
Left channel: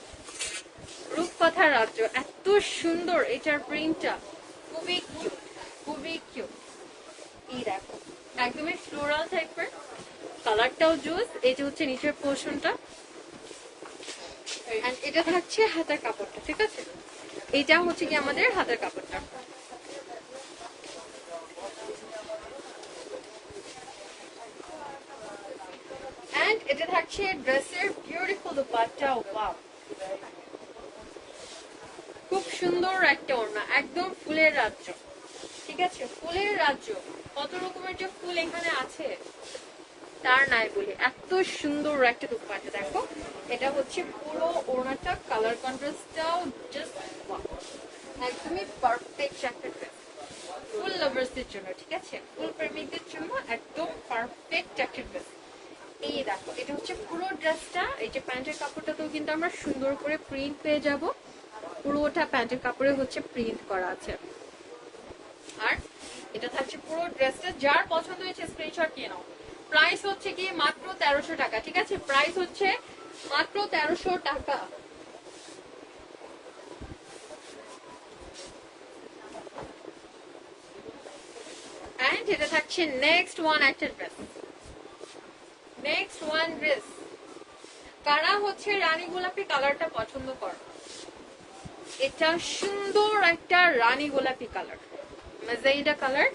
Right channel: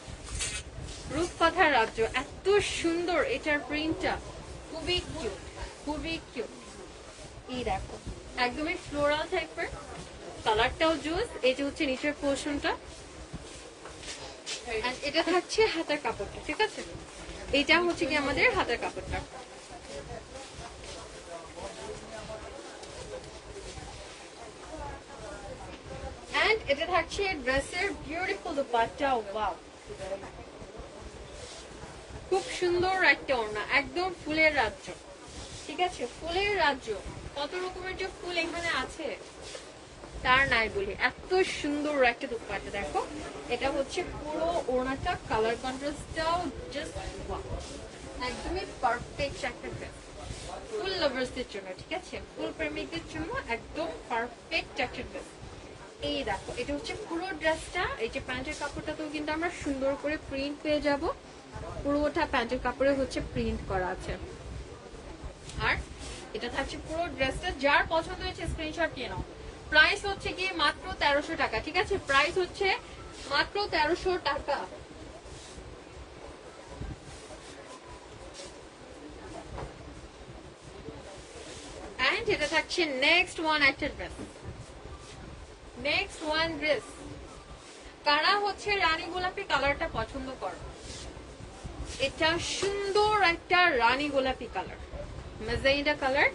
রূপকথার রাজ্য, এত সুন্দর এটার প্রিন্টটা, খুবই কিউট, খুবই কিউট। এই দেখো একদমই ফ্লোরাল টাইপের, কালারটাও জুস। এই যে হচ্ছে নিচের পোর্শনটা, এটা থাকছে হাতের কাপড়টা, ঠিক আছে। এইটা হচ্ছে কি আমাদের হাতের কাপড়টা। এন্ড এটা থাকছে ড্রেসের বিউটিফুল দুপাট্টা। ওয়াও, খুব সুন্দর একটা ওড়না, একদম ফুলের রাজ্য, ঠিক আছে, ফুলের রাজ্য। কত রকমের যে ফুল এখানে আছে তার নাই বলি, এত সুন্দর একটা দুপাট্টা। দেখো এটা হচ্ছে পুরো ওড়নাটা, কালার কন্ট্রাস্টটাও জাস্ট একদমই পারফেক্ট একটা ড্রেস ফুল লাভার্সদের জন্য, ঠিক আছে, ফুল প্রেমিকদের জন্য একদম পারফেক্ট একটা ড্রেস। এই দেখো এটা হচ্ছে পুরো ড্রেসটা। এই যে প্যান্টের কাপড়টাতেও কিন্তু আমরা সুন্দর করে প্রিন্ট পেয়ে যাব, পুরোটা প্যান্টের কাপড়ে হচ্ছে প্রিন্ট করা আছে। আর এটা থাকছে পুরো ড্রেসটা, যার পছন্দ হয়েছে স্ক্রিনশট নিয়ে নাও। প্রাইস হচ্ছে কি মাত্র 1300 টাকা, ঠিক আছে? প্রাইস হচ্ছে মাত্র 1300 টাকা। এন্ড এটা থাকছে নেক্সট ওয়ান একটা ড্রেস। নেক্সট ওয়ান ড্রেস, কারা হচ্ছে রানী গোলাপি কালারটা পছন্দ করো? এটা সুন্দর একটা রানী গোলাপি কালার, মেজেন্টা কালার,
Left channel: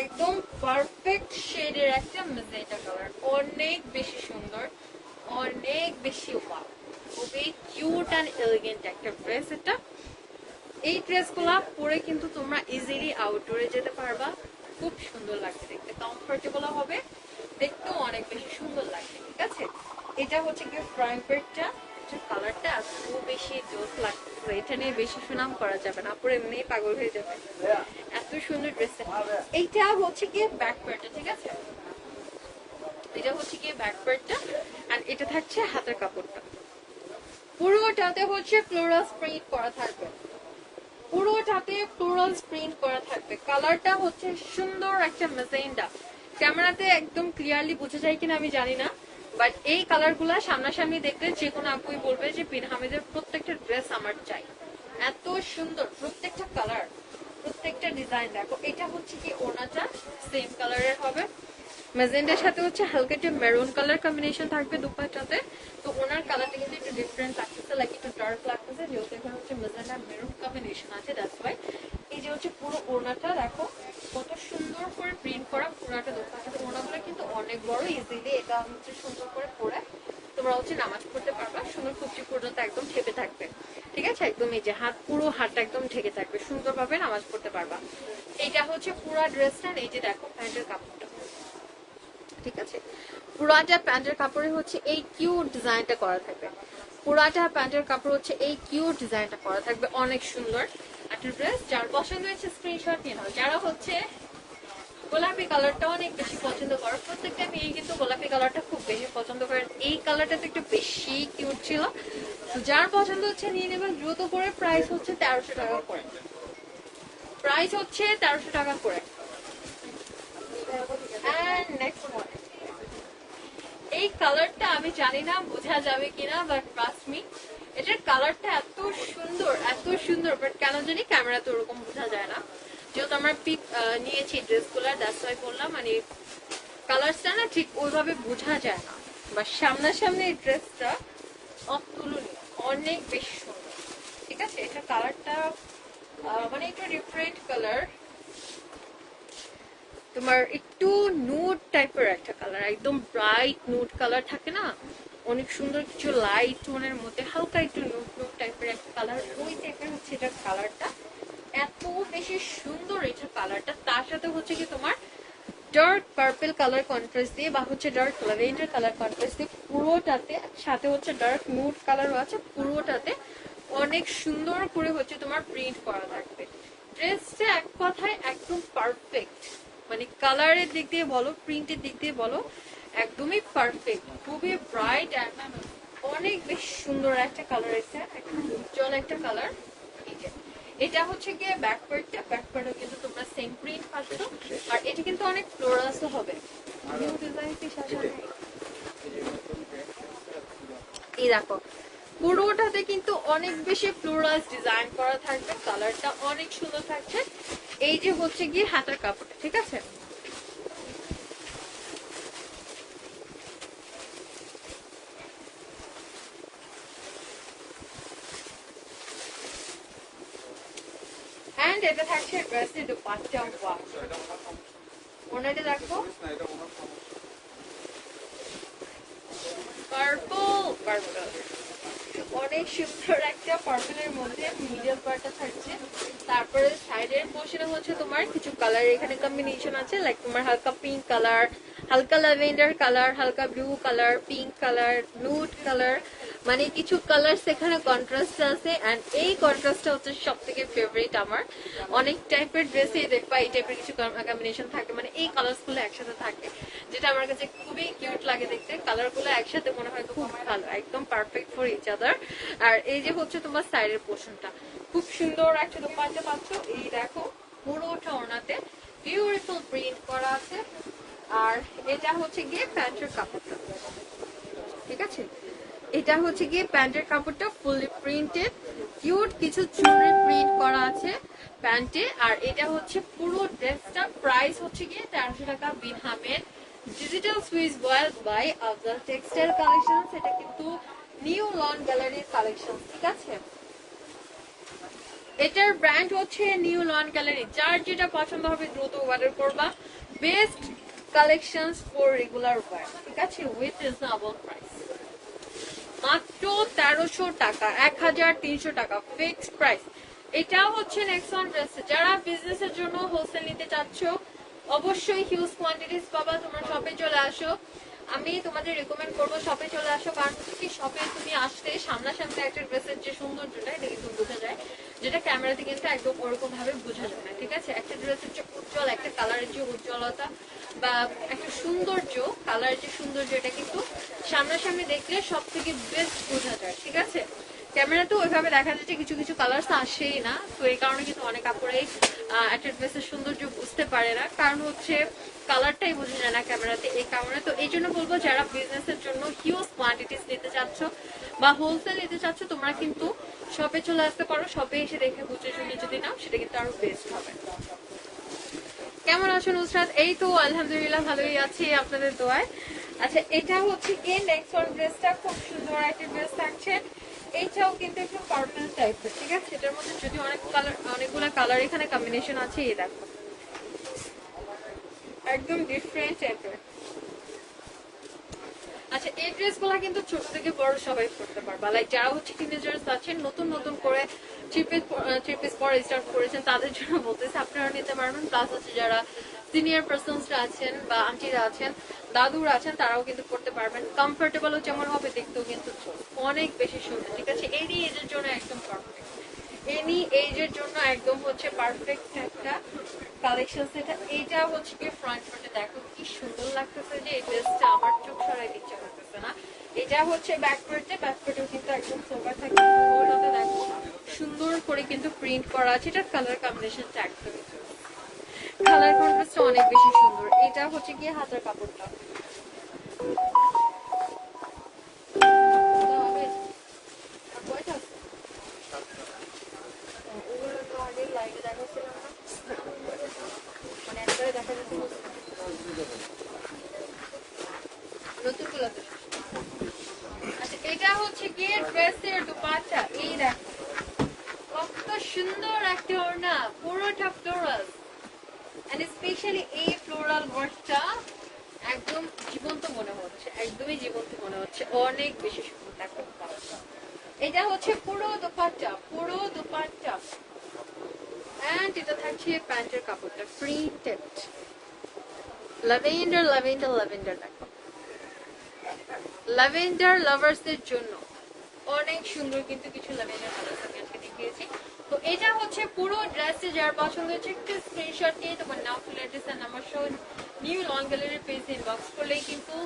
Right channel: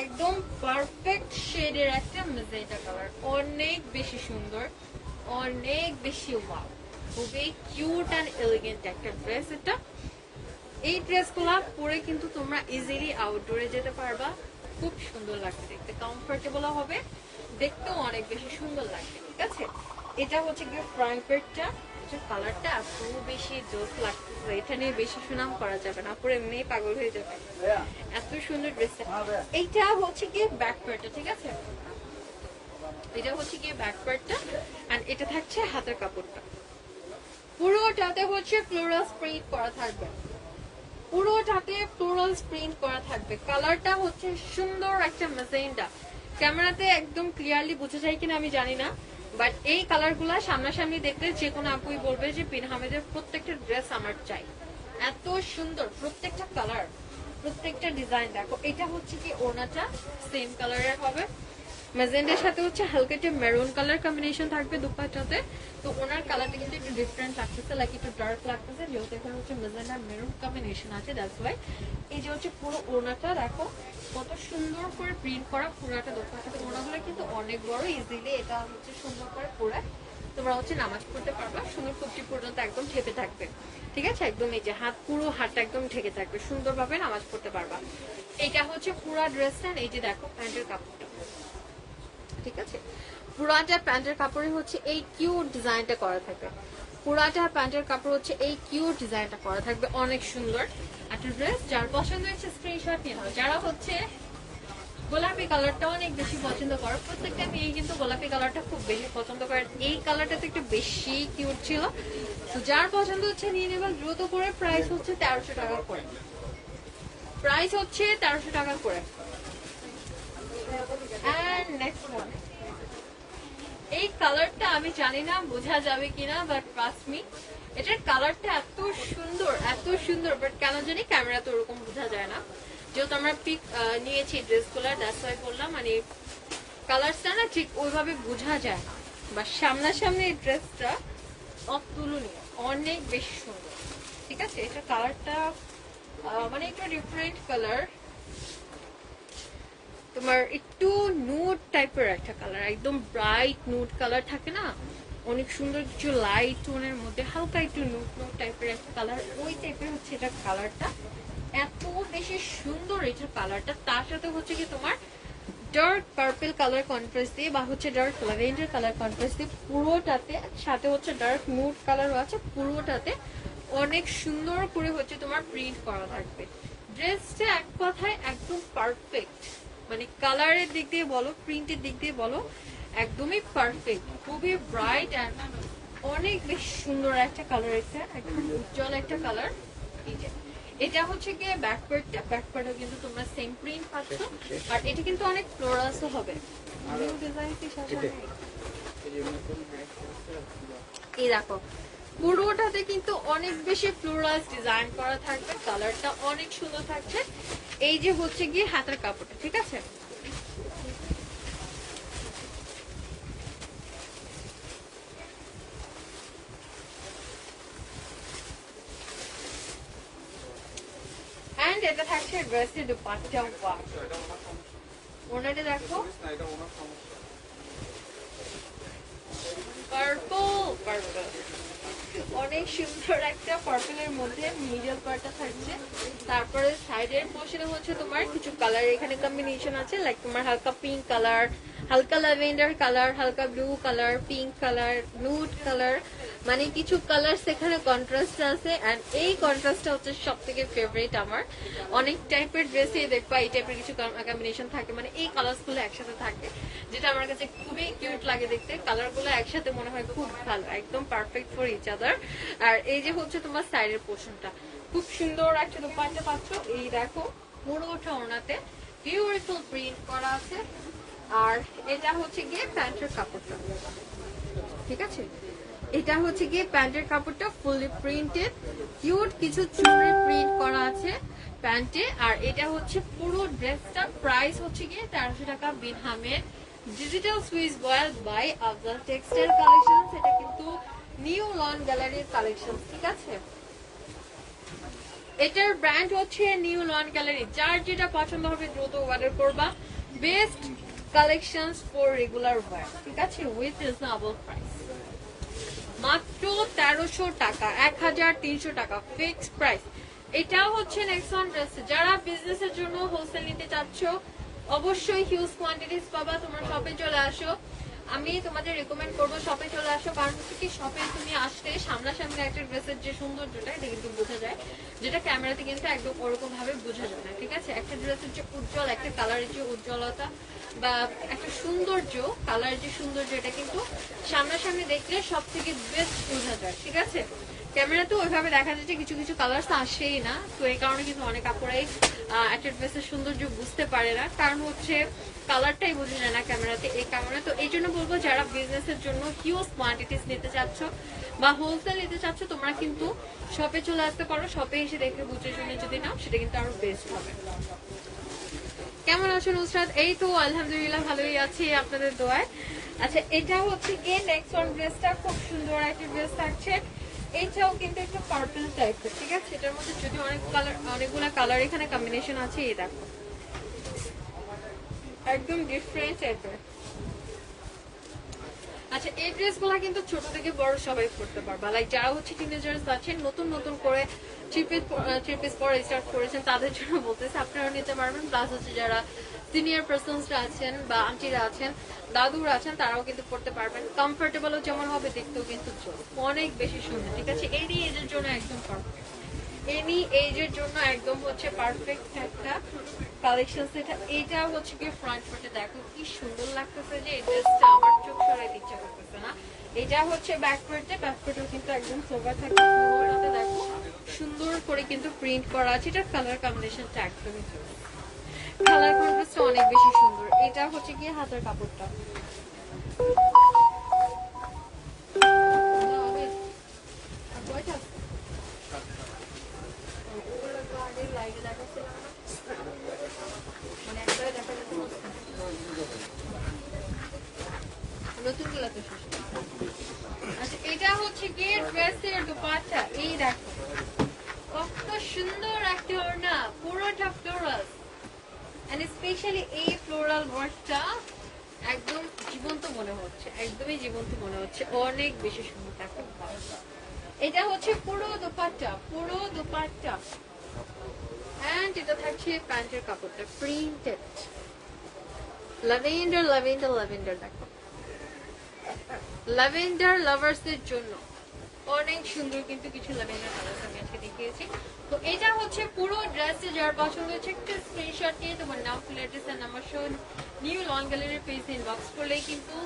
একদম পারফেক্ট শেডের একটা মেজেন্টা কালার, অনেক বেশি সুন্দর, অনেক বেশি ওয়াও, খুবই কিউট অ্যান্ড এলিগেন্ট একটা ড্রেস এটা। এই ড্রেসগুলো পরে কিন্তু তোমরা ইজিলি আউটডোরে যেতে পারবা, খুব সুন্দর লাগবে দেখতে, কমফোর্টেবল হবে, দেখতেও অনেক বেশি সুন্দর লাগবে, ঠিক আছে? এটা হচ্ছে গিয়ে ফ্রন্ট পেটটা, কালারটা এত বেশি জোস লাগছে, এটা নিয়ে বেশি সুনাম করা যাবে না, পরে এমনি পাগল হয়ে যাবে, এত সুন্দর ড্রেসটা। এইটা হচ্ছে গিয়ে ব্যাক পার্টটা, ঠিক আছে? এটা হচ্ছে গিয়ে ব্যাক পার্টটা, আর এটা থাকছে হাতের কাপড়টা। পুরোটাতে হচ্ছে ফ্লোরাল প্রিন্ট করা থাকবে, পুরোটাতে ফ্লোরাল প্রিন্ট করা থাকবে। কালারটা হচ্ছে সুন্দর একটা মেজেন্টা, ক্যামেরাতে একদম ক্লিয়ারলি বোঝা যায় কিনা আমি জানি না, বাট এই কালারগুলো সামনাসামনি দেখলে যে কোনো আপুই বলবে যে বিন হামেদের প্রত্যেকটা ড্রেস আমার চাই, এত সুন্দর প্রত্যেকটা কালার, প্রত্যেকটা ডিজাইন। দেখো এটা হচ্ছে কি ওনাটা সেম কালারের হবে, মেজেন্টার সাথে হচ্ছে হালকা একটু মেরুন কালার কম্বিনেশন থাকবে দুপাটাতে। তো ওনার কালারটা কিন্তু একটু ডিফারেন্ট লাগতেছে, লাইক একটু ডার্ক লাগতেছে, যেহেতু এখানে হচ্ছে মেজেন্টার মেরুন কম্বিনেশন আছে, দ্যাটস ওয়াই। এই যে হচ্ছে পুরো ওনাটা দেখো কত সুন্দর করে প্রিন্ট করা, পুরো একটা দুপাটাতে। ওনাগুলো কিন্তু অনেক বড়, ইজিলি এটা হচ্ছে সুন্দর করে পরে তোমরা হচ্ছে নামাজ পড়তে পারবা, সুন্দর কুর্তি পর্যন্ত একদম ঢেকে থাকবে, ঠিক আছে? একদম এই যে হাত, পুরো হাতটা একদম ঢেকে থাকবে, সুন্দরভাবে নামাজ পড়তে পারবা। এটা হচ্ছে পুরো ড্রেসটা, এই যে দেখো প্যান্টের কাপড়টা, ঠিক আছে? পুরাটা প্যান্টের কাপড়ে হচ্ছে এই কিউট ডিজাইনটা করা থাকবে, পুরাটা প্যান্টের কাপড় হচ্ছে এই কিউট ডিজাইনটা করা থাকবে, অনেক সুন্দর একটা ড্রেস। যার পছন্দ হচ্ছে স্ক্রিনশট নিয়ে হবে। যারা হচ্ছে গোলাপি কালারটা অনেক বেশি পছন্দ করো, প্রত্যেকটা মেয়ে কিন্তু গোলাপি কালারটা খুব বেশি পছন্দ করে, এই কালারটা তো একটু বেশি কিউট ছিল। যার পছন্দ হচ্ছে নিয়ে নেবেন দ্রুত করে। প্রাইস হচ্ছে 1300 টাকা করে, প্রাইস হচ্ছে 1300 টাকা করে। এই কালারটা আমি জানি না বোঝা যাবে কিনা, বাট ট্রাস্ট মি, এটার কালারটা এত সুন্দর, এত সুন্দর, বাট কেন জানি ক্যামেরা তো ওরকম বোঝা যায় না, যেহেতু আমরা পিক নিয়েছি ড্রেসগুলো, দ্যাটস ওয়াই বললাম, মানে কালারটা না ঠিক ওইভাবে বোঝা যায় না, বা সামনাসামনি এই ড্রেসটা অতুলনীয়, অনেক বেশি সুন্দর, ঠিক আছে? এটা কালারটা মানে একটু ডিফারেন্ট কালার, তোমার একটু নুড টাইপের একটা কালার, একদম ব্রাইট নুড কালার থাকে না, অনেক সুন্দর কিছু লাইট টোনের মধ্যে হালকা একটু নুড নুড টাইপের একটা কালার, ওই টাইপের হচ্ছে এটা কালারটা, এত বেশি সুন্দর এটা কালারটা। তার সাথে হচ্ছে কি তোমার ডার্ক পার্পল কালার কন্ট্রাস্ট দিয়ে, বা হচ্ছে ডার্ক ল্যাভেন্ডার কালার কন্ট্রাস্ট দিয়ে পুরোটাতে, সাথে হচ্ছে ডার্ক নুড কালারও আছে, পুরোটাতে অনেক সুন্দর করে হচ্ছে তোমার প্রিন্ট করা থাকবে। ড্রেসটা এক কথায় একদম পারফেক্ট, মানে কালারের দিক দিয়ে বলো, প্রিন্টের দিক দিয়ে বলো, একদমই পারফেক্ট, খুবই ব্রাইট, অনেক বেশ সুন্দর একটা কালার, এটা একদম উজ্জ্বল একটা কালার। এটা হচ্ছে গিয়ে ব্যাক পার্টটা, ব্যাক পার্টও কিন্তু তোমরা সেম প্রিন্ট পাচ্ছ, আর এটা কিন্তু অনেক ফ্লোরালসও হবে। এই দেখো পুরোটাতে কিন্তু অনেক বেশি ফ্লোরাল ডিজাইন করা থাকবে, কালারটা অনেক সুন্দর থাকছে। এই যে হচ্ছে গিয়ে হাতের কাপড়টা, ঠিক আছে? এন্ড এটা থাকছে ড্রেসের দুপাট্টা, ওনাটা দেখো পার্পল, অনেক সুন্দর একটা পার্পলের মধ্যে মিডল পার্টটা থাকছে। তারপরে সাইডের পোর্শনে হচ্ছে তোমার কিছু কালার এখানে কম্বিনেশন আছে, লাইক তোমার হালকা পিঙ্ক কালার, হালকা ল্যাভেন্ডার কালার, হালকা blue colour, pink colour, nude colour, মানে কিছু কালার্স এখানে কন্ট্রাস্ট আছে, এন্ড এই কন্ট্রাস্টটা হচ্ছে সব থেকে ফেভারিট আমার। অনেক টাইপের ড্রেসেই দেখবা এই টাইপের কিছু কম্বিনেশন থাকে, মানে এই কালার্স গুলো একসাথে থাকে, যেটা আমার কাছে খুবই কিউট লাগে দেখতে। কালার গুলো একসাথে মনে হয় খুব ভালো, একদম পারফেক্ট ফর ইচ আদার। আর এই যে হচ্ছে তোমার সাইডের পোর্শনটা, খুব সুন্দর একটা দোপাট্টা পাচ্ছ। এই দেখো পুরোটা ওড়নাতে বিউটিফুল প্রিন্ট করা আছে। আর এটা হচ্ছে গিয়ে প্যান্টের কাপড়টা, ঠিক আছে, এটা হচ্ছে গিয়ে প্যান্টের কাপড়টা ফুললি প্রিন্টেড, কিউট কিছু চুড়ি প্রিন্ট করা আছে প্যান্টে। আর এটা হচ্ছে পুরো ড্রেসটা প্রাইস হচ্ছে গিয়ে 1300 টাকা। Bin Hamed digital Swiss voile by Afzal textile collection. এটা কিন্তু নিউ লন গ্যালারির কালেকশন, ঠিক আছে। এটার ব্র্যান্ড হচ্ছে নিউ লন গ্যালারি। যার যেটা পছন্দ হবে দ্রুত অর্ডার করবা। Best collections for regular wire, ঠিক আছে, উইথ রিজনেবল প্রাইস। মাত্র 1300 টাকা, 1300 টাকা ফিক্সড প্রাইস। এটা হচ্ছে নেক্সট ওয়ান ড্রেস। যারা বিজনেসের জন্য হোলসেল নিতে চাচ্ছ অবশ্যই হিউজ কোয়ান্টিটিস পাবা। তোমার শপে চলে আসো, আমি তোমাদের রেকমেন্ড করবো শপে চলে আসো। কারণ হচ্ছে কি শপে তুমি আসতে সামনাসামনি একটা ড্রেসের যে সৌন্দর্যটা এটা কিন্তু বোঝা যায়, যেটা ক্যামেরাতে কিন্তু একদম ওরকম ভাবে বোঝা যায় না, ঠিক আছে। একটা ড্রেসের যে উজ্জ্বল, একটা কালারের যে উজ্জ্বলতা বা একটা সৌন্দর্য, কালারের যে সৌন্দর্য, এটা কিন্তু সামনাসামনি দেখলে সব থেকে বেস্ট বোঝা যায়, ঠিক আছে। ক্যামেরাতে ওইভাবে দেখা যাচ্ছে কিছু কিছু কালার আসেই না, তো এই কারণে কিন্তু অনেক আপুরাই একটা ড্রেসের সৌন্দর্য বুঝতে পারে না, কারণ হচ্ছে কালারটাই বোঝা যায় না ক্যামেরাতে, এই কারণে। তো এই জন্য বলবো যারা বিজনেসের জন্য হিউজ কোয়ান্টিটিস নিতে চাচ্ছ বা হোলসেল নিতে চাচ্ছ, তোমরা কিন্তু শপে চলে আসতে পারো। শপে এসে দেখে বুঝে শুনে যদি নাও সেটা কিন্তু আরো বেস্ট হবে। কেমন আছো নুসরাত? এই তো আলহামদুলিল্লাহ ভালোই আছি আপনাদের দোয়ায়। আচ্ছা, এটা হচ্ছে গিয়ে নেক্সট ওয়ান ড্রেসটা, খুব সুন্দর একটা ড্রেস থাকছে। এইটাও কিন্তু একটু পার্পল টাইপের, ঠিক আছে। এটার মধ্যে যদি অনেকগুলো কালার এখানে কম্বিনেশন আছে, এই দেখো একদম ডিফারেন্ট টাইপের। আচ্ছা, এই ড্রেসগুলো কিন্তু ছোট থেকে বড় সবাই করতে পারবা। লাইক যারা হচ্ছে টিনেজার্স আছেন, নতুন নতুন করে থ্রি পিস পরে স্টার্ট করেছেন, তাদের জন্য বলতেছে আপনারা নিতে পারবেন। প্লাস হচ্ছে যারা সিনিয়র পার্সনসরা আছেন বা আন্টিরা আছেন, দাদুরা আছেন, তারাও কিন্তু করতে পারবেন। কমফোর্টেবলও যেমন হবে, দেখতেও কিন্তু অনেক বেশি সুন্দর, ঠিক আছে। এনি এজের জন্য একদম পারফেক্ট, এনি এজের জন্য একদম হচ্ছে পারফেক্ট একটা কালেকশন। এটা হচ্ছে কি ফ্রন্ট পার্টে দেখো কি সুন্দর লাগতেছে, যে এই ড্রেসটা আমার চোখ সরাই দিচ্ছে করতেছে না। এটা হচ্ছে ব্যাক পার্টে, ব্যাক পার্টেও কিন্তু একদম সোবার থাকে, দেখো সুন্দর করে কিন্তু প্রিন্ট করা আছে। এটা কালার কম্বিনেশনটা একদম কালার কন্ট্রাস্টটা অনেক বেশি সুন্দর। এটা হচ্ছে গিয়ে হাতের কাপড়টা, নতুন গুলাতে। আচ্ছা, এটা হচ্ছে গিয়ে ড্রেসের দুপাট্টা, এই দেখো কত সুন্দর একটা ওড়না, পুরোটা ফ্লোরাল, এন্ড স্পেশালি এই ফ্লোরাল ওয়ার্কটা একদম জীবন্ত মনে হচ্ছে, একদমই জীবন্ত মনে হচ্ছে, অনেক বেশি সুন্দর থাকে। এটা হচ্ছে পুরো দুপাট্টা, পুরো দুপাট্টা, এন্ড এটা থাকছে প্যান্টের কাপড়টা প্রিন্টেড ল্যাভেন্ডার ল্যাভেন্ডার ল্যাভেন্ডার। দেখো ল্যাভেন্ডার লাভার্সদের জন্য অনেক সুন্দর কিন্তু কিছু ল্যাভেন্ডার কালেকশন আজকে দেখিয়েছি। তো এটা হচ্ছে পুরো ড্রেসে, যার পছন্দ হচ্ছে একটু স্ক্রিনশট দিয়ে তোমার নাম, ফুল অ্যাড্রেস আর নাম্বার সহ নিউ লন গ্যালারির পেজ ইনবক্স করলেই কিন্তু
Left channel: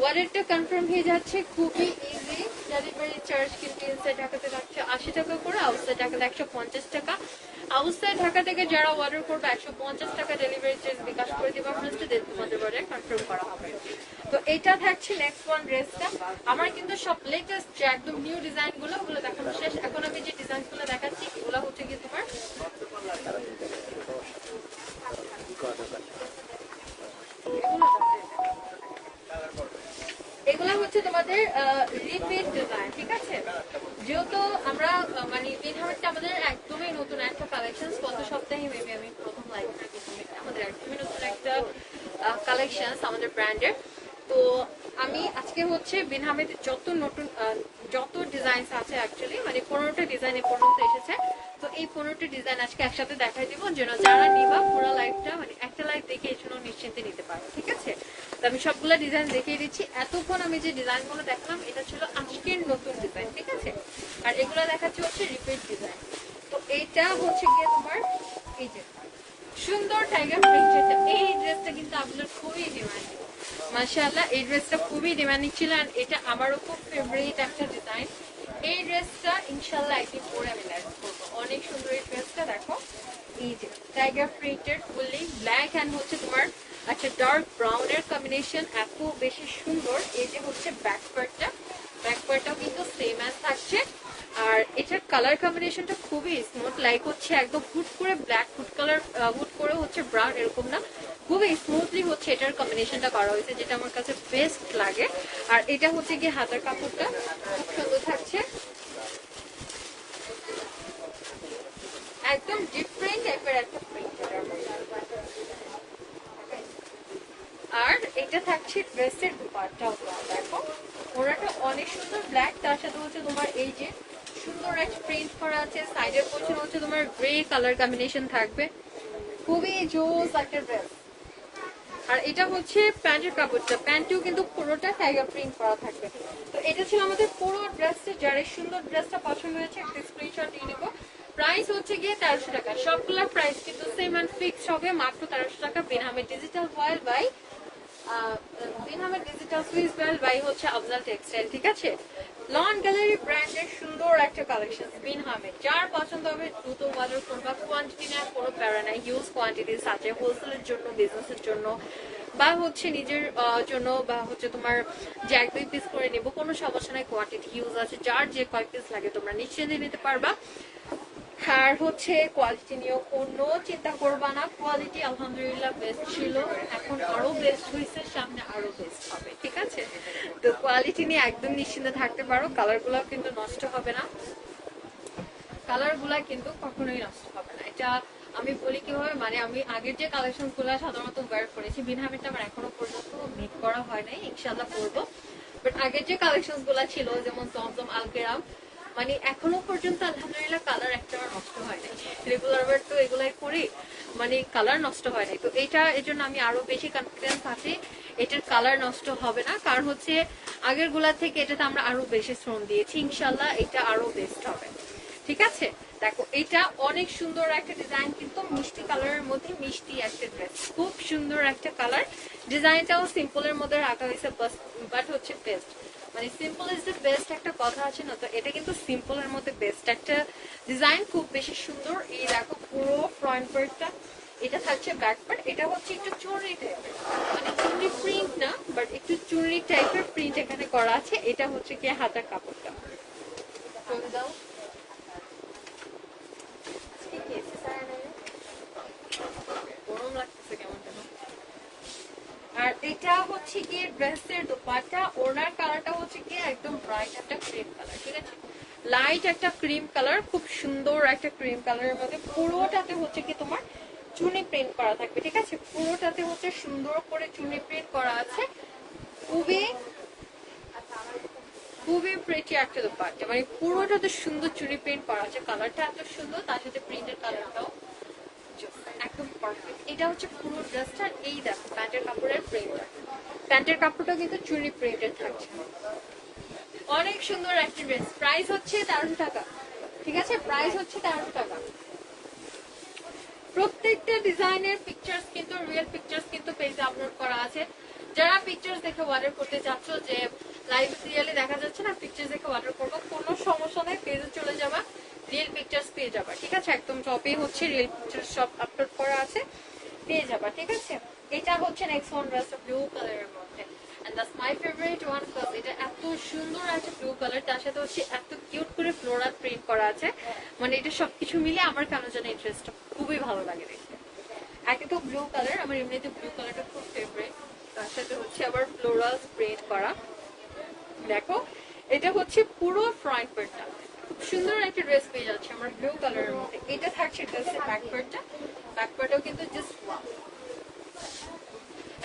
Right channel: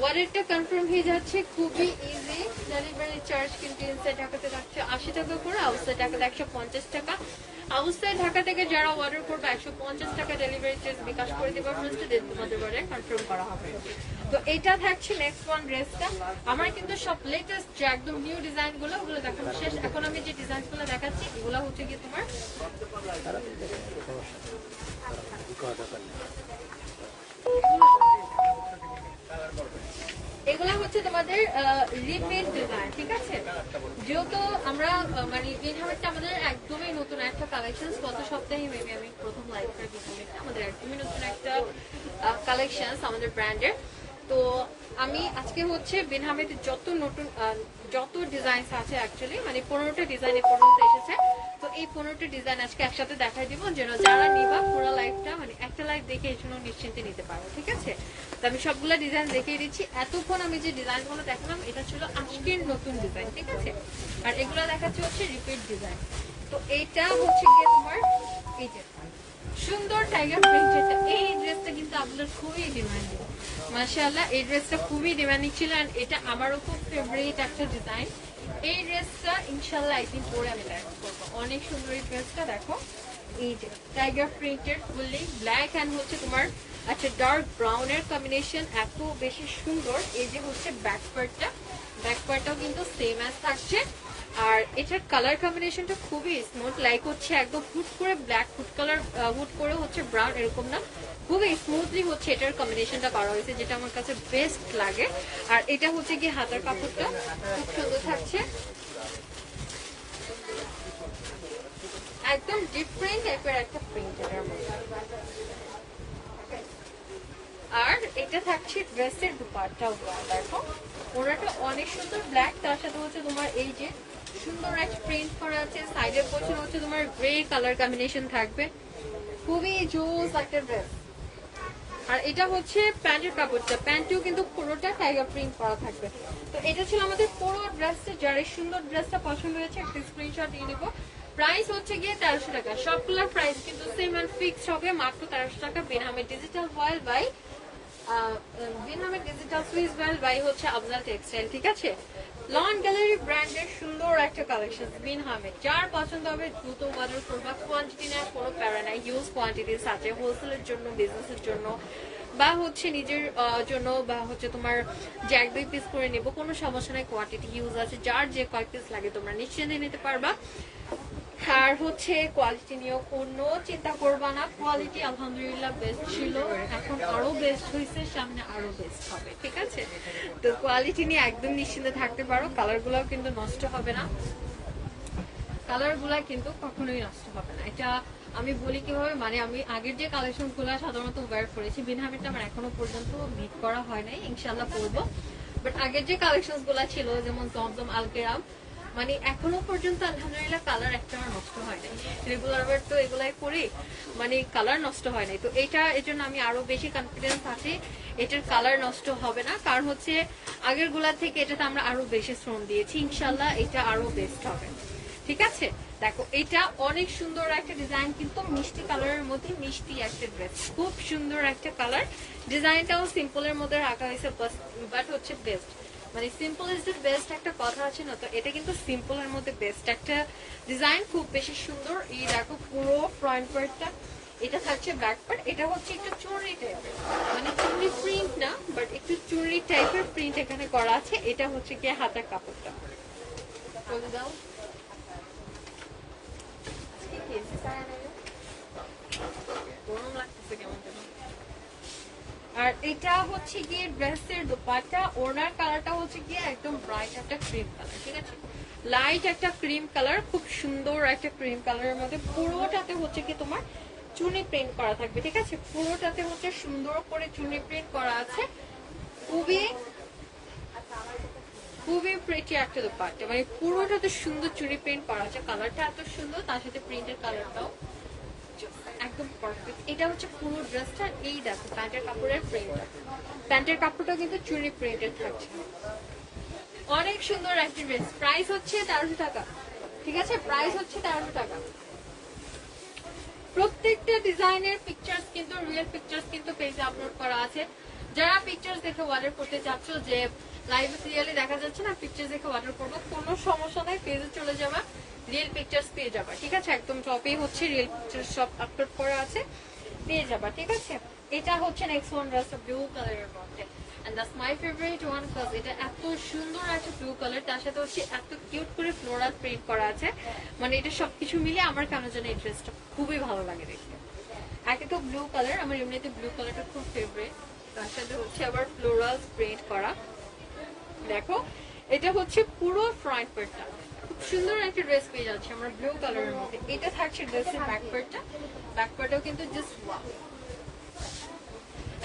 ওয়ালেটটা কনফার্ম হয়ে যাচ্ছে। খুবই ইজি। ডেলিভারি চার্জ কিন্তু ইনসাইড ঢাকাতে থাকছে 80 টাকা করে, আউটসাইড ঢাকাতে 150 টাকা। আউটসাইড ঢাকা থেকে যারা অর্ডার করবে 150 টাকা ডেলিভারি চার্জ বিকাশ করে দেবা, ফার্স্টে ডেট তোমাদের অর্ডার কনফার্ম করা হবে। তো এটা থাকছে নেক্সট ওয়ান ড্রেসটা। আমার কিন্তু সব লেটেস্ট যে একদম নিউ ডিজাইন গুলো, ওগুলো দেখানো শেষ। এখন আমি যে ডিজাইন গুলো দেখাচ্ছি ওগুলো হচ্ছে কি তোমার এগুলো হচ্ছে তোমাদের রিপিট ডিজাইন, ঠিক আছে। যেহেতু আমরা মানে এই ধরনের আমাদের একদমই নতুন একটা কালেকশন, গত সপ্তাহে মেবি আমি প্রথম লাইভ থেকে আমাদের একদমই নতুন একটা কালেকশন আমাদের ব্র্যান্ডের। তো আমি আজকে হচ্ছে বিনহামের যত নতুন যত ডিজাইন আছে অ্যাকচুয়ালি মানে 15টা ডিজাইন এই পর্যন্ত এসেছে। তো এই 15টি ডিজাইন আজকে একসাথে দেখাই দিব, যেন যারা নিবা পুরো লাইফটা মানে একটা লাইফ দেখে এই জন্য নিশ্চিন্তে নিতে পারবে, ঠিক আছে? তো আমি সবগুলো ডিজাইন দেখিয়ে দিচ্ছি। এতক্ষণ আমি যে ডিজাইনগুলো দেখালাম এটা ছিল আজকের নতুন ডিজাইন, ঠিক আছে? আর এগুলো দেখাচ্ছি হচ্ছে রিপিট ডিজাইন। তো এইটা হচ্ছে গিয়ে তোমার এই যে সুন্দর টাইগার প্রিন্টেড এই ড্রেসটা কিন্তু আপনার খুবই ডিমান্ডিং, মাশাআল্লাহ। এই ড্রেসটা খুবই ডিমান্ডিং ছিল, আর এটা আমারও খুব ফেভারিট একটা ডিজাইন। এই ড্রেসটা ইনশাআল্লাহ একদিন পরে আমি লাইভ করবো। অনেক সুন্দর এই ড্রেসটা, দেখো এই যে tiger printed fully black and হচ্ছে তোমার আচ্ছা ডার্ক ব্রাউন এর কম্বিনেশন, এত বেশি সুন্দর। এই যে হচ্ছে ব্যাক পার্টটাও কিন্তু সেম অ্যাজ থাকছে। আর এটার কালার কম্বিনেশনটা খুবই স্মুথ, লাইক হচ্ছে একদম হুট করে ব্ল্যাক, হুট কালার হুট করে হচ্ছে ব্রাউন, এরকম না, খুবই স্মুথলি হচ্ছে এটার কম্বিনেশনটা করা হয়েছে, যেটা আমার কাছে বেস্ট লাগে। আর এটা হচ্ছে কি হাতের কাপড়টা খুব সুন্দর থাকছে, একদম ডিফারেন্ট টাইপের একটা প্রিন্ট। আর এটা থাকছে ড্রেসের দুপাট্টা, দেখো ওনাটা অনেক সুন্দর ব্ল্যাক, তার সাথে হচ্ছে তোমার এই যে সুন্দর একটা প্রিন্ট করা আছে, সাইডের পোর্শন হচ্ছে তোমার গ্রে কালার কম্বিনেশন থাকবে, খুবই জোস একটা ড্রেস। আর এটা হচ্ছে প্যান্টের কাপড়টা, প্যান্টেও কিন্তু পুরোটা টাইগার প্রিন্ট করা থাকবে। তো এটা ছিল আমাদের পুরো ড্রেসটা, যারা সুন্দর ড্রেসটা পছন্দ হয়েছে একটা স্ক্রিনশট দিয়ে নেবো। প্রাইস হচ্ছে গিয়ে 1300 টাকা, সবগুলোর প্রাইস কিন্তু সেম এন্ড ফিক্সড হবে মাত্র 1300 টাকা। বিনহামের ডিজিটাল ওয়াইল বাই বিনহামের ডিজিটাল সুইস ওয়াইল বাই হচ্ছে আফজাল টেক্সটাইল, ঠিক আছে? লন গ্যালারি ব্র্যান্ডের সুন্দর একটা কালেকশন বিনহামের, যার পছন্দ হবে দ্রুত অর্ডার করবা। কোয়ান্টিটি নেওয়ার কোনো প্যারা নাই, হিউজ কোয়ান্টিটির সাথে হোলসেলের জন্য, বিজনেসের জন্য বা হচ্ছে নিজের জন্য বা হচ্ছে তোমার যে 1-2 পিস করে নেবো কোনো সমস্যা নাই, কোয়ান্টিটি হিউজ আছে, যার যে কয় পিস লাগে তোমরা নিশ্চিন্তে নিতে পারবা। আর হচ্ছে কোয়ালিটি নিয়েও কোনো চিন্তা করবা না, কোয়ালিটি আলহামদুলিল্লাহ বেস্ট ছিল, এখন আরো বেস্ট হয়েছে, সামনে আরো বেস্ট হবে, ঠিক আছে? তো কোয়ালিটি নিয়ে একদম নিশ্চিন্তে থাকতে পারো। কালার গুলো কিন্তু নষ্ট হবে না, কালার গুলা কিন্তু কখনোই নষ্ট হবে না। এটা আমি বলি কিভাবে, মানে আমি আগের যে কালেকশন গুলা সাধারণত ওয়ার করেছি, বিনহামেরটা আমার এখনো পর্যন্ত মিট করা হয় নাই, ইনশাল্লাহ করবো। বাট আগের যে কালেকশন গুলা ছিল যেমন জমজম, আলকেরাম, মানে এখনো পর্যন্ত আলহামদুলিল্লাহ কালার একটা নষ্ট হয় না। রেগুলার তো এগুলাই করি, মানে কালার নষ্ট হয় নাই। তো এইটা এর জন্য আমি আরো বেশি কনফিডেন্স আছি এটার কালার নষ্ট হবে না, কারণ হচ্ছে আগের গুলার থেকে এটাতে আমরা আরো বেশি শ্রম দিয়েছি, ইনশাল্লাহ এটা আরো বেস্ট হবে, ঠিক আছে? দেখো এটা অনেক সুন্দর একটা ডিজাইন, কিন্তু মিষ্টি কালারের মধ্যে মিষ্টি একটা ড্রেস, খুব সুন্দর একটা কালার। ডিজাইনটাও সিম্পলের মধ্যে রাখা হয়েছে, বাট হচ্ছে বেস্ট, মানে সিম্পল ইজ দ্য বেস্ট একটা কথা আছে না, তো এটা কিন্তু সিম্পলের মধ্যে বেস্ট একটা ডিজাইন, খুব বেশি সুন্দর। এই দেখো পুরো ফ্রন্ট পার্টটা, এটা থাকছে ব্যাক পার্ট, এটা হচ্ছে একটু চুনরি টাইপের, মানে চুনরি প্রিন্ট না বাট একটু চুনরি টাইপের প্রিন্ট এখানে করা আছে। এটা হচ্ছে কি হাতের কাপড়টা, দাও আর এটা হচ্ছে গিয়ে ড্রেসের দোপাট্টা, ওনার কালারটা হচ্ছে গিয়ে একদম ব্রাইট একটা ক্রিম কালার, ঠিক আছে? লাইট একটা ক্রিম কালার, খুব সুন্দর একটা ক্রিম কালারের মধ্যে, পুরোটাতে হচ্ছে কি তোমার চুনি প্রিন্ট করা থাকবে, ঠিক আছে? পুরোটাতে হচ্ছে সুন্দর করে চুনি প্রিন্ট করা আছে, খুবই খুবই প্রিটি একটা দোপাট্টা, মানে পুরোটাতে সুন্দর চুনি প্রিন্ট করা আছে, কালারটা এত সুন্দর, তার সাথে প্রিন্টের কালারটাও একদম পারফেক্ট। এটা হচ্ছে পুরো ড্রেসটা, এই দেখো প্যান্টের কাপড়ের প্রিন্টটা, প্যান্টের কাপড়টা কিন্তু চুনি প্রিন্টেড থাকছে, অনেক সুন্দর একটা ড্রেস। প্রাইস হচ্ছে 1300 টাকা, ঠিক আছে? প্রাইস হচ্ছে 1300 টাকা। প্রত্যেকটা ডিজাইনের পিকচার্স কিন্তু রিয়েল পিকচার্স কিন্তু পেজে আপলোড করা আছে, যারা পিকচার্স দেখে অর্ডার করতে চাচ্ছ যে লাইভ রিয়েলি দেখা যাচ্ছে না, পিকচার্স দেখে অর্ডার করবো, কোনো সমস্যা নাই, পেজে চলে যাবা, রিয়েল পিকচার্স পেয়ে যাবা, ঠিক আছে? একদম টপে হচ্ছে রিয়েল পিকচার্স সব আপলোড করা আছে, পেয়ে যাবা, ঠিক আছে? এটা হচ্ছে নেক্সট ওয়ান, ড্রেস ব্লু কালারের মধ্যে, and that's my favorite one because এটা এত সুন্দর আছে ব্লু কালার, তার সাথে হচ্ছে এত কিউট করে ফ্লোরাল প্রিন্ট করা আছে, মানে এটা সবকিছু মিলে আমার কেন জানি এই ড্রেসটা খুবই ভালো লাগে দেখতে। একে তো ব্লু কালার, আমার এমনিতে ব্লু কালারটা খুব ফেভারিট, তার সাথে হচ্ছে আবার ফ্লোরাল প্রিন্ট করা। দেখো এটা হচ্ছে পুরো ফ্রন্ট পার্টটা, খুব সুন্দর একটা ড্রেস পেয়ে যাচ্ছে আমার ব্লু কালারের মধ্যে। এটা থাকছে ড্রেসের ব্যাক পার্টটা, ব্যাক পার্টটাও কিন্তু জাস্ট ওয়াও।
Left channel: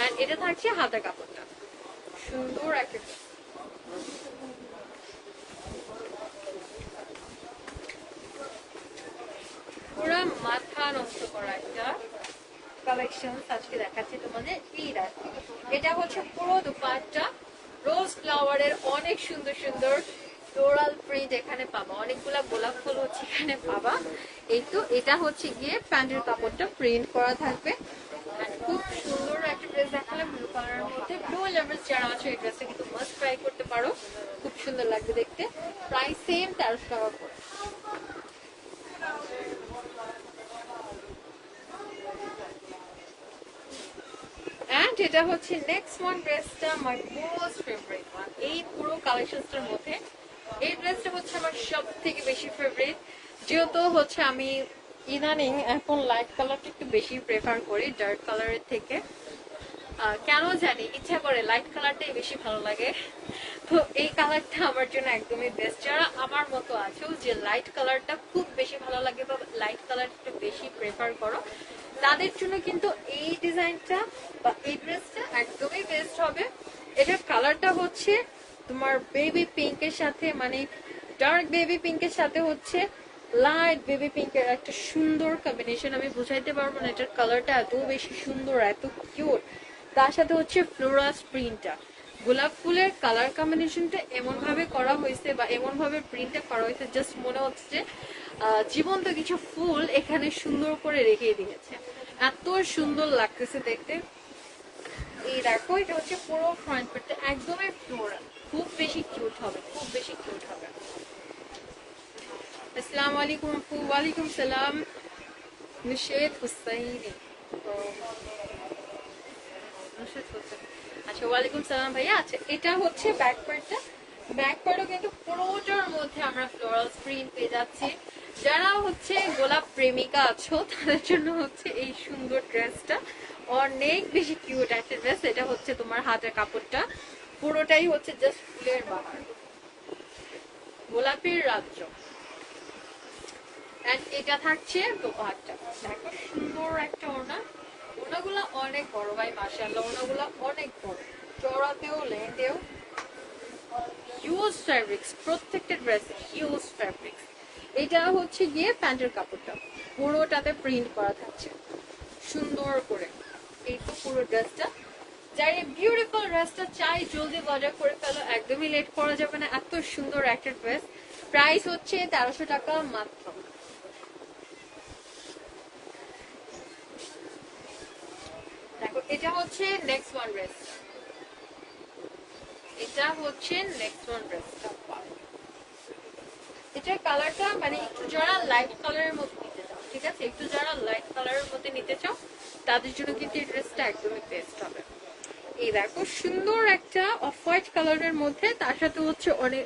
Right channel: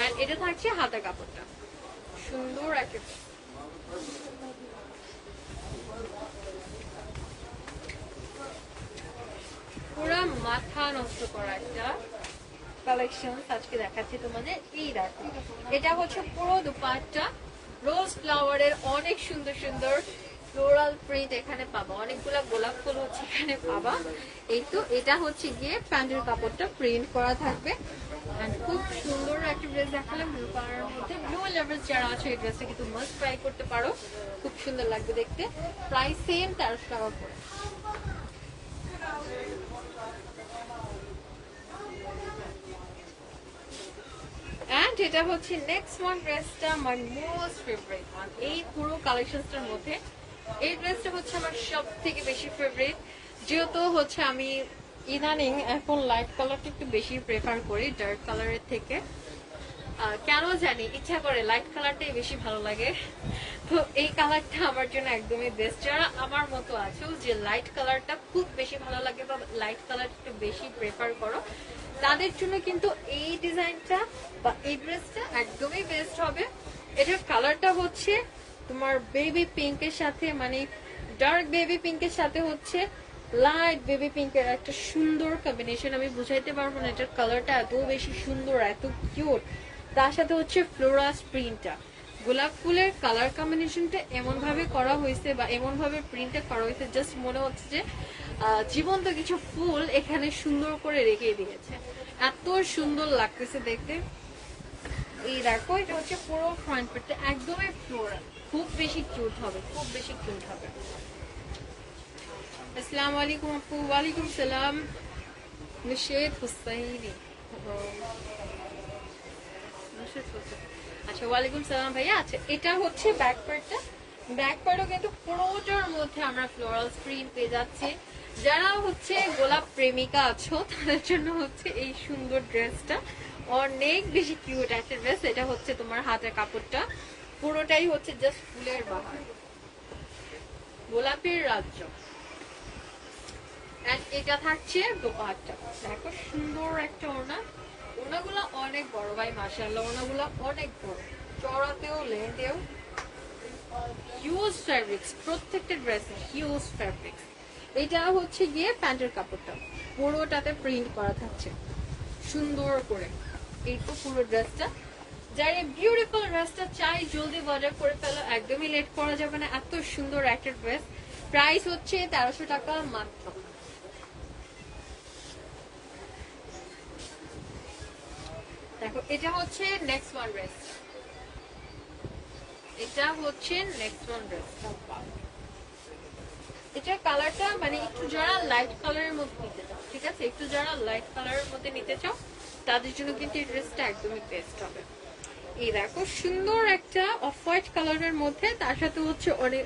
এন্ড এটা থাকছে হাতের কাপড়টা, সুন্দর একটা dress। পুরা মাথা নষ্ট করা একটা কালেকশন আজকে দেখাচ্ছি তোমাদের। এই দেখো, এটা হচ্ছে পুরো দুপাট্টা রোজ ফ্লাওয়ারের অনেক সুন্দর সুন্দর ফ্লোরাল প্রিন্ট এখানে পাবা, অনেকগুলা গোলাপ ফুল হচ্ছে এখানে পাবা। এই তো এটা হচ্ছে গিয়ে প্যান্টের কাপড়টা প্রিন্ট করা থাকবে। And খুব সুন্দর একটা ড্রেস দেখালে ব্লু কালারের মধ্যে। ব্লু লেভেল যারা আছে এই ড্রেসটা কিন্তু মাস্ট ট্রাই করতে পারো, খুব সুন্দর লাগবে দেখতে। প্রাইস সেম 1300 টাকা করে। এন্ড এটা হচ্ছে নেক্সট ওয়ান ড্রেসটা আমার মোস্ট ফেভারিট ওয়ান এই পুরো কালেকশনটার মধ্যে। এই ড্রেসটা হচ্ছে আমার সব থেকে বেশি ফেভারিট, যেহেতু হচ্ছে আমি ইদানিং এখন লাইট কালারটা একটু বেশি প্রেফার করি ডার্ক কালারের থেকে। কেন জানি ইচ্ছা করে লাইট কালারটাই বেশি ভালো লাগে। তো এই কালারটা আমার জন্য একদমই বেস্ট। যারা আমার মতো আছো যে লাইট কালারটা খুব বেশি ভালো লাগে বা লাইট কালারটা বেশি প্রেফার করো, তাদের জন্য কিন্তু এই ডিজাইনটা বা এই ড্রেসটা একদমই বেস্ট হবে। এটার কালারটা হচ্ছে তোমার বেবি পিঙ্কের সাথে, মানে ডার্ক বেবি পিঙ্কের সাথে হচ্ছে লাইট বেবি পিঙ্কের একটা সুন্দর কম্বিনেশন। আমি বুঝাইতে পারবো না, এটার কালারটা এত বেশি সুন্দর, এত কিউট। তার সাথে হচ্ছে ফ্লোরাল প্রিন্টটা, গোলাপ ফুলের কালার কম্বিনেশনটা এমন ভাবে করা হয়েছে বা এমন ভাবে প্রিন্টটা করা হয়েছে, জাস্ট মনে হচ্ছে যে জীবন্ত কিছু ফুল এখানে সুন্দর করে রেখে দিয়েছে, এত সুন্দর লাগতেছে দেখতে। এই দেখো, এটা হচ্ছে পুরো ফ্রন্ট পার্টটা একদমই ফ্লোরাল, খুব বেশি কিউট হবে, খুব বেশি কিউট হবে। আসসালামু আলাইকুম আপু। ওয়ালাইকুম সালাম নুশাত হুসাইন। আচ্ছা, ওয়ালাইকুম সালাম ভাইয়া। আচ্ছা, এটা হচ্ছে ব্যাক পার্টটা। ব্যাক পার্টে কিন্তু পুরোটার মধ্যে আমরা ফ্লোরাল প্রিন্ট পেয়ে যাচ্ছি। যারা হচ্ছে গোলাপ প্রেমিকা আছো তাদের জন্য হচ্ছে এই সুন্দর ড্রেসটা অনেক বেশি কিউট একটা ড্রেস। এটা হচ্ছে তোমার হাতের কাপড়টা পুরোটাই হচ্ছে জাস্ট ফুলের বাহার, গোলাপের রাজ্য। এটা থাকছে দোপাট্টা, দেখো সুন্দর একটা ওড়না। ওড়নাগুলো অনেক বড় ভাই, মাশাআল্লাহ ওড়নাগুলো অনেক বড়, চড়াতেও লেন্থেও। হিউজ ফ্যাব্রিক্স, প্রত্যেকটা ড্রেসে হিউজ ফ্যাব্রিক্স। এটা হচ্ছে গিয়ে প্যান্টের কাপড়টা পুরোটাতে প্রিন্ট করা থাকছে সুন্দর করে। এই তো পুরো ড্রেসটা। যার এই বিউটিফুল ড্রেসটা চাই জলদি অর্ডার করে ফেলো, একদমই লেট করা যাবে না। এত সুন্দর একটা ড্রেস, প্রাইস হচ্ছে 1300 টাকা মাত্র। দেখো, এটা হচ্ছে নেক্সট ওয়ান ড্রেস। এটা হচ্ছে নেক্সট ওয়ান ড্রেস। এটার কালারটা মানে একটু যারা লাইট কালারের মধ্যে নিতে চাও, ঠিক আছে, একটু যারা লাইট কালারের মধ্যে নিতে চাও তাদের জন্য কিন্তু এই ড্রেসটা একদমই বেস্ট হবে। এই দেখো, সুন্দর একটা অফ হোয়াইট কালারের মধ্যে, তার সাথে হচ্ছে অনেক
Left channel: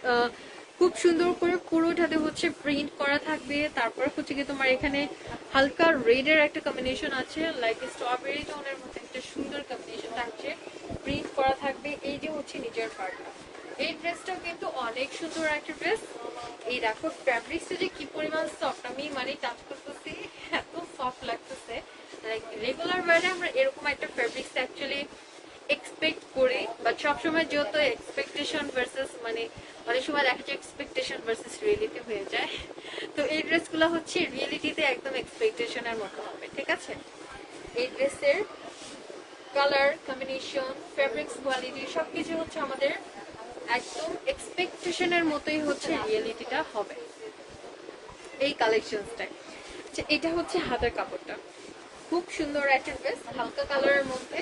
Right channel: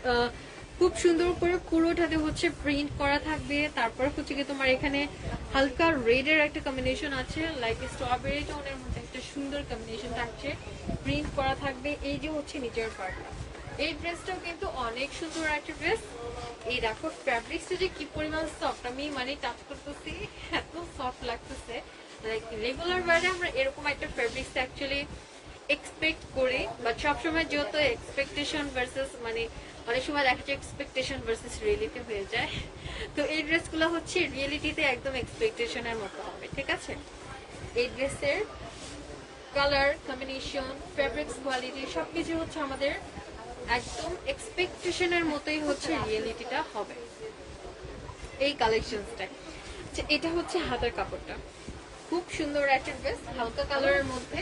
খুব সুন্দর করে পুরোটাতে হচ্ছে প্রিন্ট করা থাকবে। তারপর হচ্ছে কি তোমার এখানে হালকা রেড এর একটা কম্বিনেশন আছে, লাইক স্ট্রবেরি টোনের মধ্যে একটা সুন্দর কম্বিনেশন থাকছে, প্রিন্ট করা থাকবে। এই যে হচ্ছে নিচের পার্টটা, এই ড্রেসটাও কিন্তু অনেক সুন্দর একটা ড্রেস। এই দেখো ফ্যাব্রিক্সটা যে কি পরিমাণ সফট, আমি মানে টাচ করতেছি এত সফট লাগতেছে। লাইক রেগুলার ওয়্যারে আমরা এরকম একটা ফ্যাব্রিক্স অ্যাকচুয়ালি এক্সপেক্ট করি, বাট সবসময় যেহেতু এক্সপেকটেশন ভার্সেস মানে অনেক সময় দেখা যায় এক্সপেকটেশন ভার্সেস রিয়েলিটি হয়ে যায়, তো এই ড্রেসগুলো হচ্ছে রিয়েলিটিতে একদম এক্সপেকটেশনের মতো হবে, ঠিক আছে। এই ড্রেসের কালার কম্বিনেশন, ফ্যাব্রিক্স কোয়ালিটি সবকিছু হচ্ছে আমাদের একদম এক্সপেকটেশনের মতোই হচ্ছে রিয়েলিটিটা হবে এই কালেকশনসটা। এটা হচ্ছে হাতের কাপড়টা, খুব সুন্দর একটা ড্রেস, হালকা কালারের মধ্যে,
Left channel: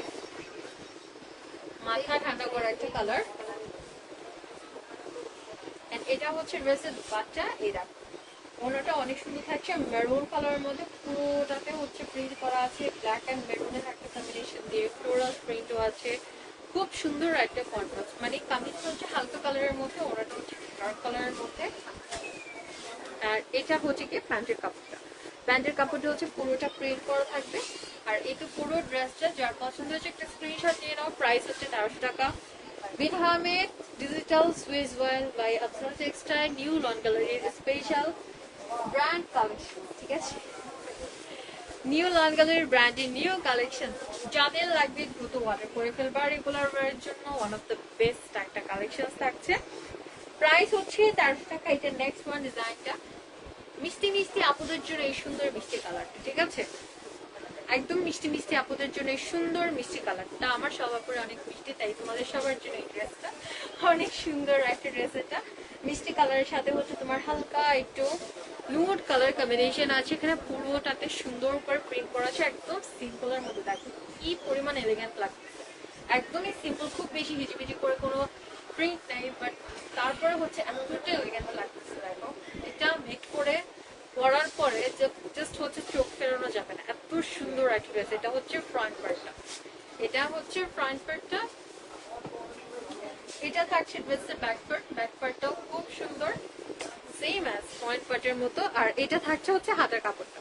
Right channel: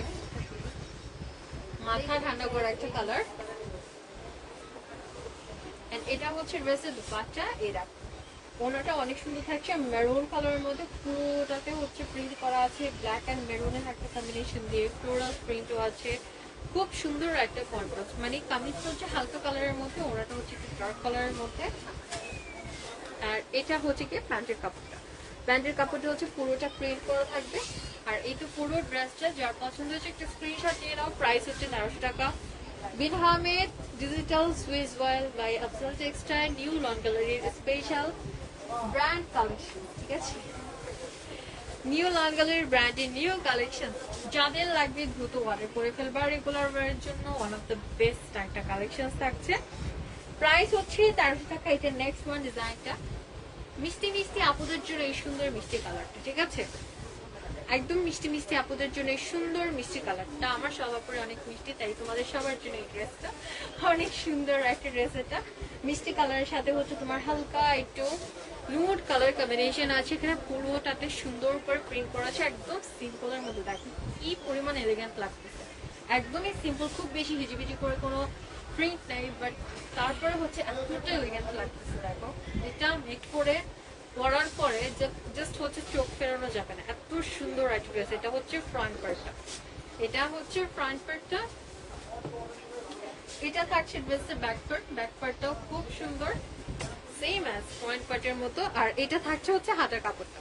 মাথা ঠান্ডা করা একটা কালার। এটা হচ্ছে ড্রেসের দুপাট্টা। এই দেখো, ওনাটা অনেক সুন্দর থাকছে, মেরুন কালারের মধ্যে পুরোটাতে হচ্ছে প্রিন্ট করা আছে, ব্ল্যাক এন্ড মেরুনের একটা কম্বিনেশন দিয়ে ফ্লোরাল প্রিন্টও আছে, খুব সুন্দর একটা কন্ট্রাস্ট। মানে কামিজটা হচ্ছে হালকা কালারের মধ্যে, ওনাটা হচ্ছে ডার্ক কালারের মধ্যে। আর এটা হচ্ছে কি প্যান্টের কাপড়টা, প্যান্টের কাপড়টা হচ্ছে পুরোটা প্রিন্ট করা থাকবে। আর এই তো পুরো ড্রেসটা যার পছন্দ হচ্ছে একটা স্ক্রিনশট নিয়ে নাও। প্রাইস হচ্ছে 1300 টাকা। Bin Ahmed digital Swiss world by আফরোন টেক্সটাইল, নিউ লন গ্যালারির স্পেশাল ব্র্যান্ড কালেকশন, ঠিক আছে। নিউ লঙ্গালের ব্র্যান্ডের নিউ কালেকশন, যাদের লাগবে দ্রুত অর্ডার করে ফেলবে। আর রেগুলার ওয়ারের জন্য ওয়ান অফ দ্য বেস্ট একটা কালেকশন থাকছে। প্রাইস হচ্ছে 1300 টাকা। এটা নেক্সট ওয়ান ডিজাইনটা মিষ্টি মিষ্টি আপুদের জন্য এই সুন্দর মিষ্টি কালারটা, ঠিক আছে, একদম মিষ্টি মিষ্টি আপুদের জন্য এই সুন্দর মিষ্টি কালারটা। আমার সবার পরে অনেক মিষ্টি, তাই তোমাদের সবার জন্য এই ড্রেসটা অনেক সুন্দর একটা ড্রেস। এটা মিষ্টি কালারের সাথে হচ্ছে তোমার হালকা একটু নুড কালার কম্বিনেশন আছে। এখানে পুরোটাতে সুন্দর করে প্রিন্ট করা আছে, একদম সিম্পলের মধ্যে। দেখো কি পরিমাণ এলিগেন্ট লাগতেছে, একদমই সিম্পল, খুব বেশি হিজিবিজি করে কোনো প্রিন্ট নেই, বাট তারপরে হচ্ছে এমন একটা এলিগেন্ট লাগতেছে। দেখো এটা মেক করে পরার পরে জাস্ট হচ্ছে চোখ ফেরানো যাবে না, এত সুন্দর একটা ড্রেস। এটা হচ্ছে ফ্রন্ট পার্টটা, এটা হচ্ছে ফ্রন্ট পার্টটা। এটা থাকছে ড্রেসের ব্যাক পার্ট, ব্যাক পার্টটাও খুব সুন্দর, সেম অ্যাজ ফ্রন্ট পার্টের মতো। আর এটা থাকছে হচ্ছে হাতের কাপড়টা।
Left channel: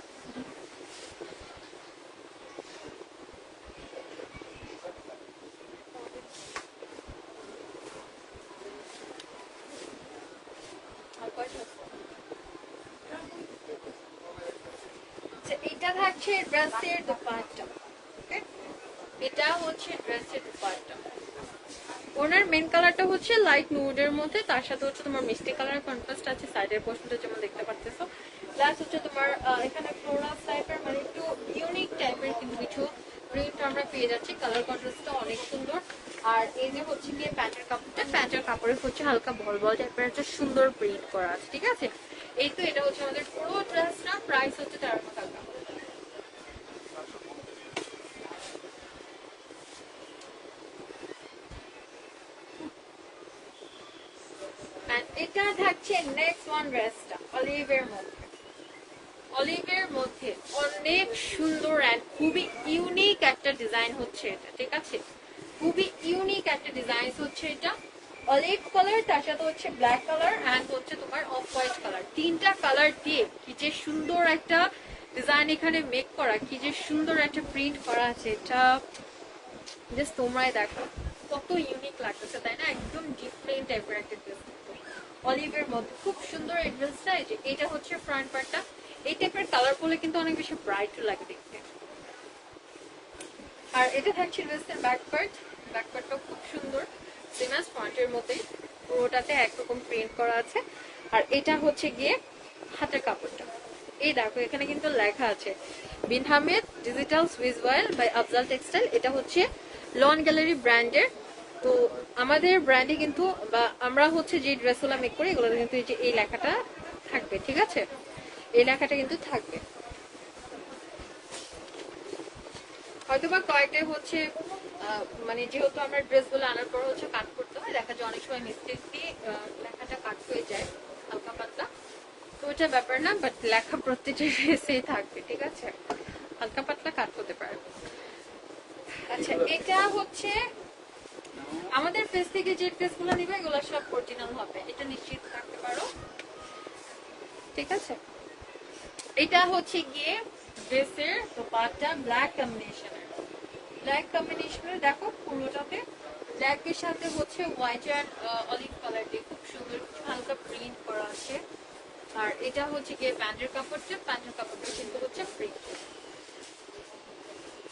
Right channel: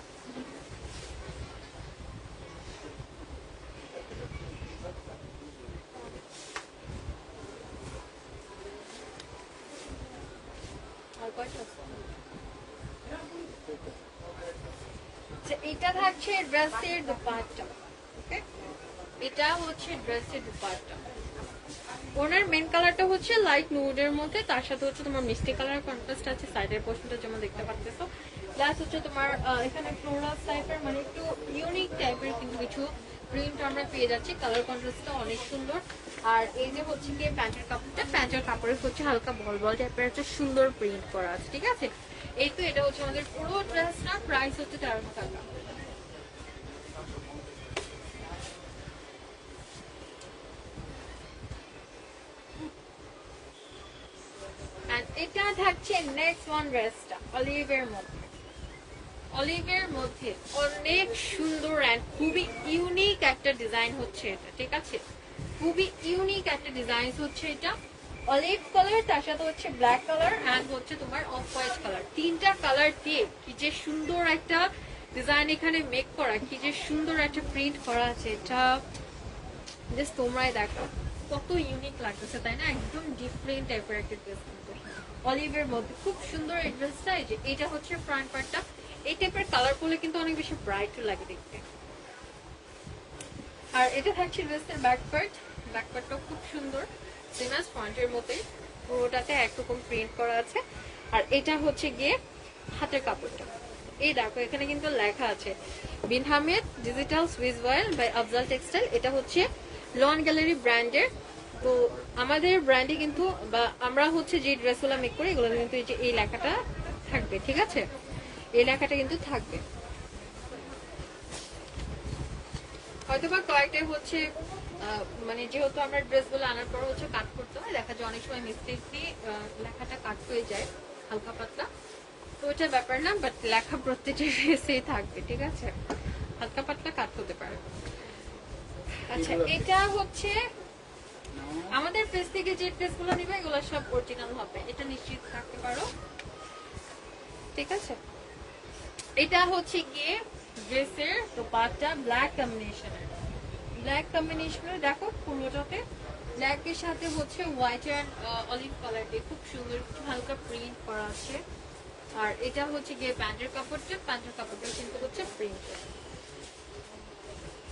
এটা থাকছে ড্রেসের দুপাট্টা, এটা হচ্ছে ড্রেসের দুপাট্টা। ওনার মেন কালারটা হচ্ছে লাইট নুডের মধ্যে, তার সাথে হচ্ছে তোমার মিষ্টি কালার কন্ট্রাস্ট আছে সাইডের পোর্শনটা যেমন দেখতে পাচ্ছো। প্লাস হচ্ছে তোমার এখানে ফ্লোরাল টাইপের মানে একটু ইউনিক টাইপের কিন্তু কিছু প্রিন্ট আমরা পেয়ে যাচ্ছি। কালার কন্ট্রাস্টটা অনেক সুন্দর। আর এই যে হচ্ছে গিয়ে প্যান্টের কাপড়টা, প্যান্টের কাপড়ে হচ্ছে হালকা বল বল টাইপের একটা সুন্দর প্রিন্ট করা আছে, ঠিক আছে। এই তো এটা হচ্ছে আমাদের পুরো ড্রেসটা। প্রাইস হচ্ছে 1300 টাকা। এটা থাকছে নেক্সট ওয়ান ড্রেসটা অলিভের মধ্যে, অলিভের মধ্যে অনেক সুন্দর অ্যান্ড খুবই ইউনিক একটা ডিজাইন হচ্ছে এটা, ঠিক আছে, খুবই ইউনিক একটা ডিজাইন হচ্ছে এটা। অলিভ কালার, তার সাথে হচ্ছে ব্ল্যাক কালার অ্যান্ড হচ্ছে তোমার অফ হোয়াইট কালার, তিনটা কালার দিয়ে কি যে সুন্দর একটা ডিজাইন এখানে মেক করা, কি যে সুন্দর একটা প্রিন্ট করা আছে। এটা জাস্ট তোমরা দেখো কত ইউনিক লাগতেছে, তাই না, একদম ডিফারেন্ট টাইপের একটা ড্রেস অলিভের মধ্যে, খুব সুন্দর এই ড্রেসটা। এটা হচ্ছে ফ্রন্ট পার্টটা। এই টাইপের কালার করলে কিন্তু অনেক বেশি ব্রাইট লাগে দেখতে। আর এটা থাকছে ড্রেসের ব্যাক পার্ট, ব্যাক পার্টটাও খুব সুন্দর, সেম অ্যাজ ফ্রন্টের মতোই, পুরোটাতে একরকম প্রিন্ট করা আছে। আর এটা হচ্ছে গিয়ে হাতের কাপড়টা। এই দেখো এখানে কিন্তু লেখা আছে বিন আহমেদ ডিজিটাল সুইস ওয়ার বাই আফজাল টেক্সটাইল। এটা হচ্ছে লন গ্যালারি ব্র্যান্ডের। তো আমাদের ব্র্যান্ডে কিন্তু বা আমরা হচ্ছে যে ড্রেসগুলো মেক করি এগুলো কিন্তু এই লেখাটা থাকবে, ঠিক আছে, এই লেখাটা কিন্তু থাকবে। হয়তোবা কয়েকটাই হচ্ছে মানে যেহেতু আমরা ড্রেসগুলো আনার পর হচ্ছে কাট করতে হয়, দেখা যায় অনেক সময় মিস্টেকলি লেখাটা কাট হয়ে যায় হালকা পাতলা, তো ওইটা ব্যাপার না, বাট লেখা প্রত্যেকটা ড্রেসেই থাকবে, ঠিক আছে, হালকা পাতলা কাট হতে পারে। আচ্ছা এটা হচ্ছে আমাদের পেজ থেকে যে ড্রেসগুলো নিবে এগুলো সব অরিজিনাল হবে, এটা নিশ্চিত থাকতে পারো, ঠিক আছে। এটা হচ্ছে গিয়ে ড্রেসের দোপাট্টা ব্ল্যাক কম্বিনেশনের, ব্ল্যাক কম্বিনেশনের দেখো পুরোটাতে ব্ল্যাকের সাথে হচ্ছে হোয়াইট আর অলিভ কালার দিয়ে খুব সুন্দর হালকা প্রিন্ট করা আছে। আর এটা হচ্ছে গিয়ে প্যান্টের কাপড়টা, প্যান্টের কাপড়টা কিন্তু হচ্ছে প্রিন্ট।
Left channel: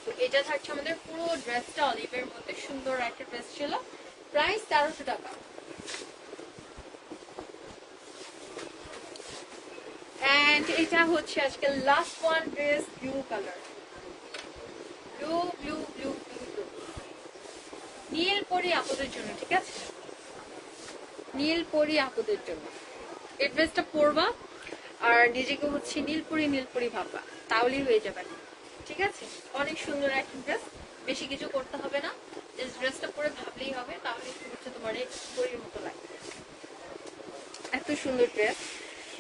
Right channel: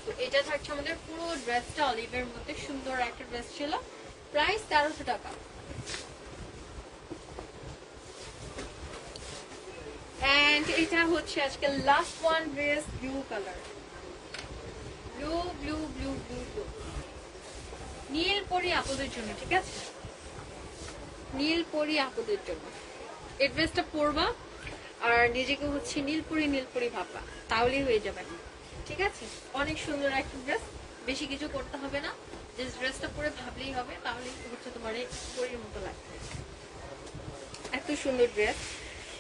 তো এটা থাকছে আমাদের পুরো ড্রেসটা অলিভের মধ্যে সুন্দর একটা ড্রেস ছিল। প্রাইস 1300 টাকা। এন্ড এটা হচ্ছে আজকে last one dress, blue colour, blue blue blue blue blue নীল পরি আপুদের জন্য, ঠিক আছে, নীল পরি আপুদের জন্য এই ড্রেসটা পরবা আর নিজেকে হচ্ছে নীলপরি ভাববা, তাহলেই হয়ে যাবে, ঠিক আছে। অনেক সুন্দর একটা ড্রেস, বেশি কিছু করতে হবে না, এই ড্রেসটা পরে ভাবলেই হবে, তাহলে হচ্ছে তোমার এই পরির মতো লাগবে। এত সুন্দর ড্রেস।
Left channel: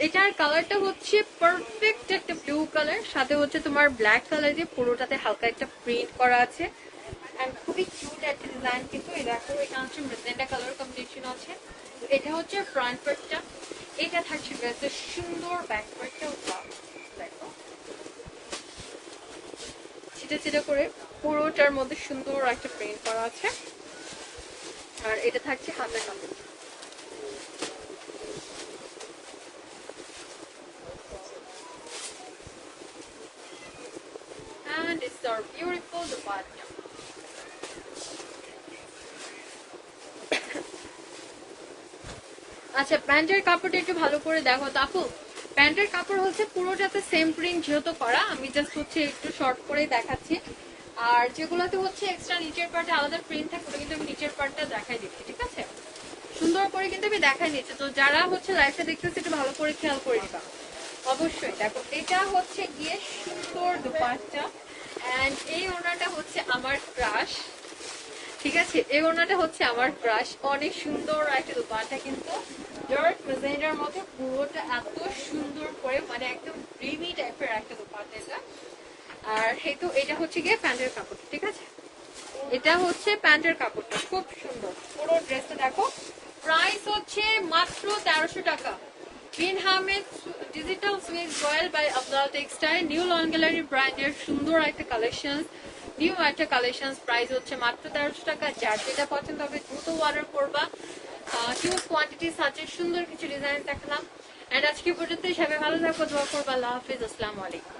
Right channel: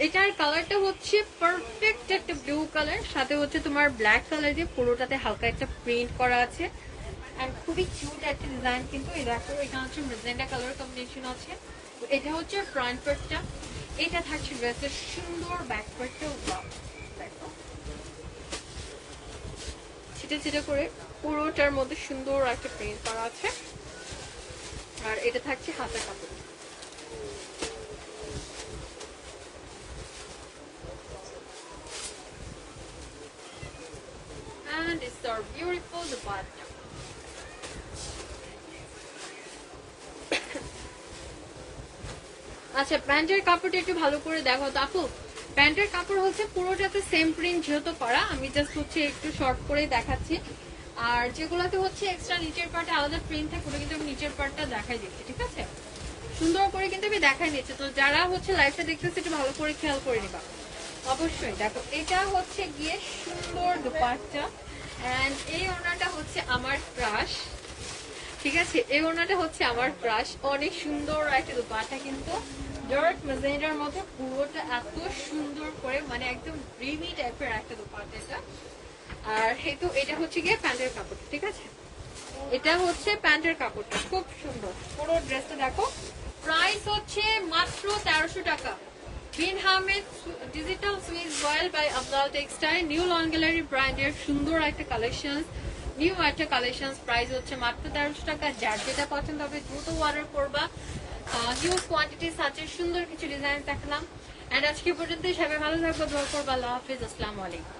এটার কালারটা হচ্ছে পারফেক্ট একটা ব্লু কালার, সাথে হচ্ছে তোমার ব্ল্যাক কালার দিয়ে পুরোটাতে হালকা একটা প্রিন্ট করা আছে। আর খুবই কিউট একটা ডিজাইন কিন্তু, এই দেখো এটা হচ্ছে মেজেন্টা কালার কম্বিনেশন আছে। এটা হচ্ছে ফ্রন্ট পার্টটা, এটা থাকছে ড্রেসের সুন্দর ব্যাক পার্টটা, দেখো ছিটা ছিটা করে পুরোটার মধ্যে সুন্দর একটা প্রিন্ট করা আছে। আর এটা থাকছে হাতের কাপড়। দুপাট্টা। আচ্ছা, প্যান্টের কাপড়টা একটু ভালো করে দেখো তো আপু। প্যান্টের কাপড় হচ্ছে পুরোটাতে সেম প্রিন্ট যেহেতু করা, আমি জাস্ট হচ্ছে একটু শর্ট করে দেখাচ্ছি। আর যেগুলোতে হচ্ছে এক্সট্রা নিচের পার্টে আলাদা প্রিন্ট থাকে ওটা কিন্তু নিচের পার্টটা দেখাই দিচ্ছি, ঠিক আছে? সুন্দর করে কিন্তু আমি দেখাই দিচ্ছি। তো যারা হচ্ছে লাইফে দেখতেছে একটু ভালো করে খেয়াল করে নিবা অবশ্যই। দেখো এটা হচ্ছে গিয়ে সুন্দর দুপাট্টা, এন্ড এই ওনাটা হচ্ছে আমার ক্রাশ, ঠিক আছে? এই ওনাটা হচ্ছে আমার ক্রাশ, অনেক সুন্দর একটা দুপাট্টা কিন্তু ডার্ক ম্যাজেন্ডার মধ্যে পুরোটা এত সুন্দর করে, মানে একদম ড্রিমি টাইপের একটা দুপাট্টা এটা। আর একটু এটা হচ্ছে গিয়ে প্যান্টের কাপড়, ঠিক আছে? এটা হচ্ছে প্যান্টের কাপড়টা খুব সুন্দর, পুরো ড্রেসটা দেখো। প্রাইস হচ্ছে মাত্র 1300 টাকা। Green Hamed digital Swiss royal by Afzal textile, new lawn gallery ব্র্যান্ডের সুন্দর একটা কালেকশন, নিউ একটা কালেকশন। প্রাইস হচ্ছে মাত্র 1300 টাকা। যার যেটা পছন্দ হবে দ্রুত অর্ডার করবা। হিউজ কোয়ান্টিটি আছে, সুন্দর কিছু ডিজাইন দেখালাম। এন্ড আজকে পর্যন্ত সবাই ভালো থাকবো, দোয়া করবো। আল্লাহ হাফিজ, আসসালামু আলাইকুম।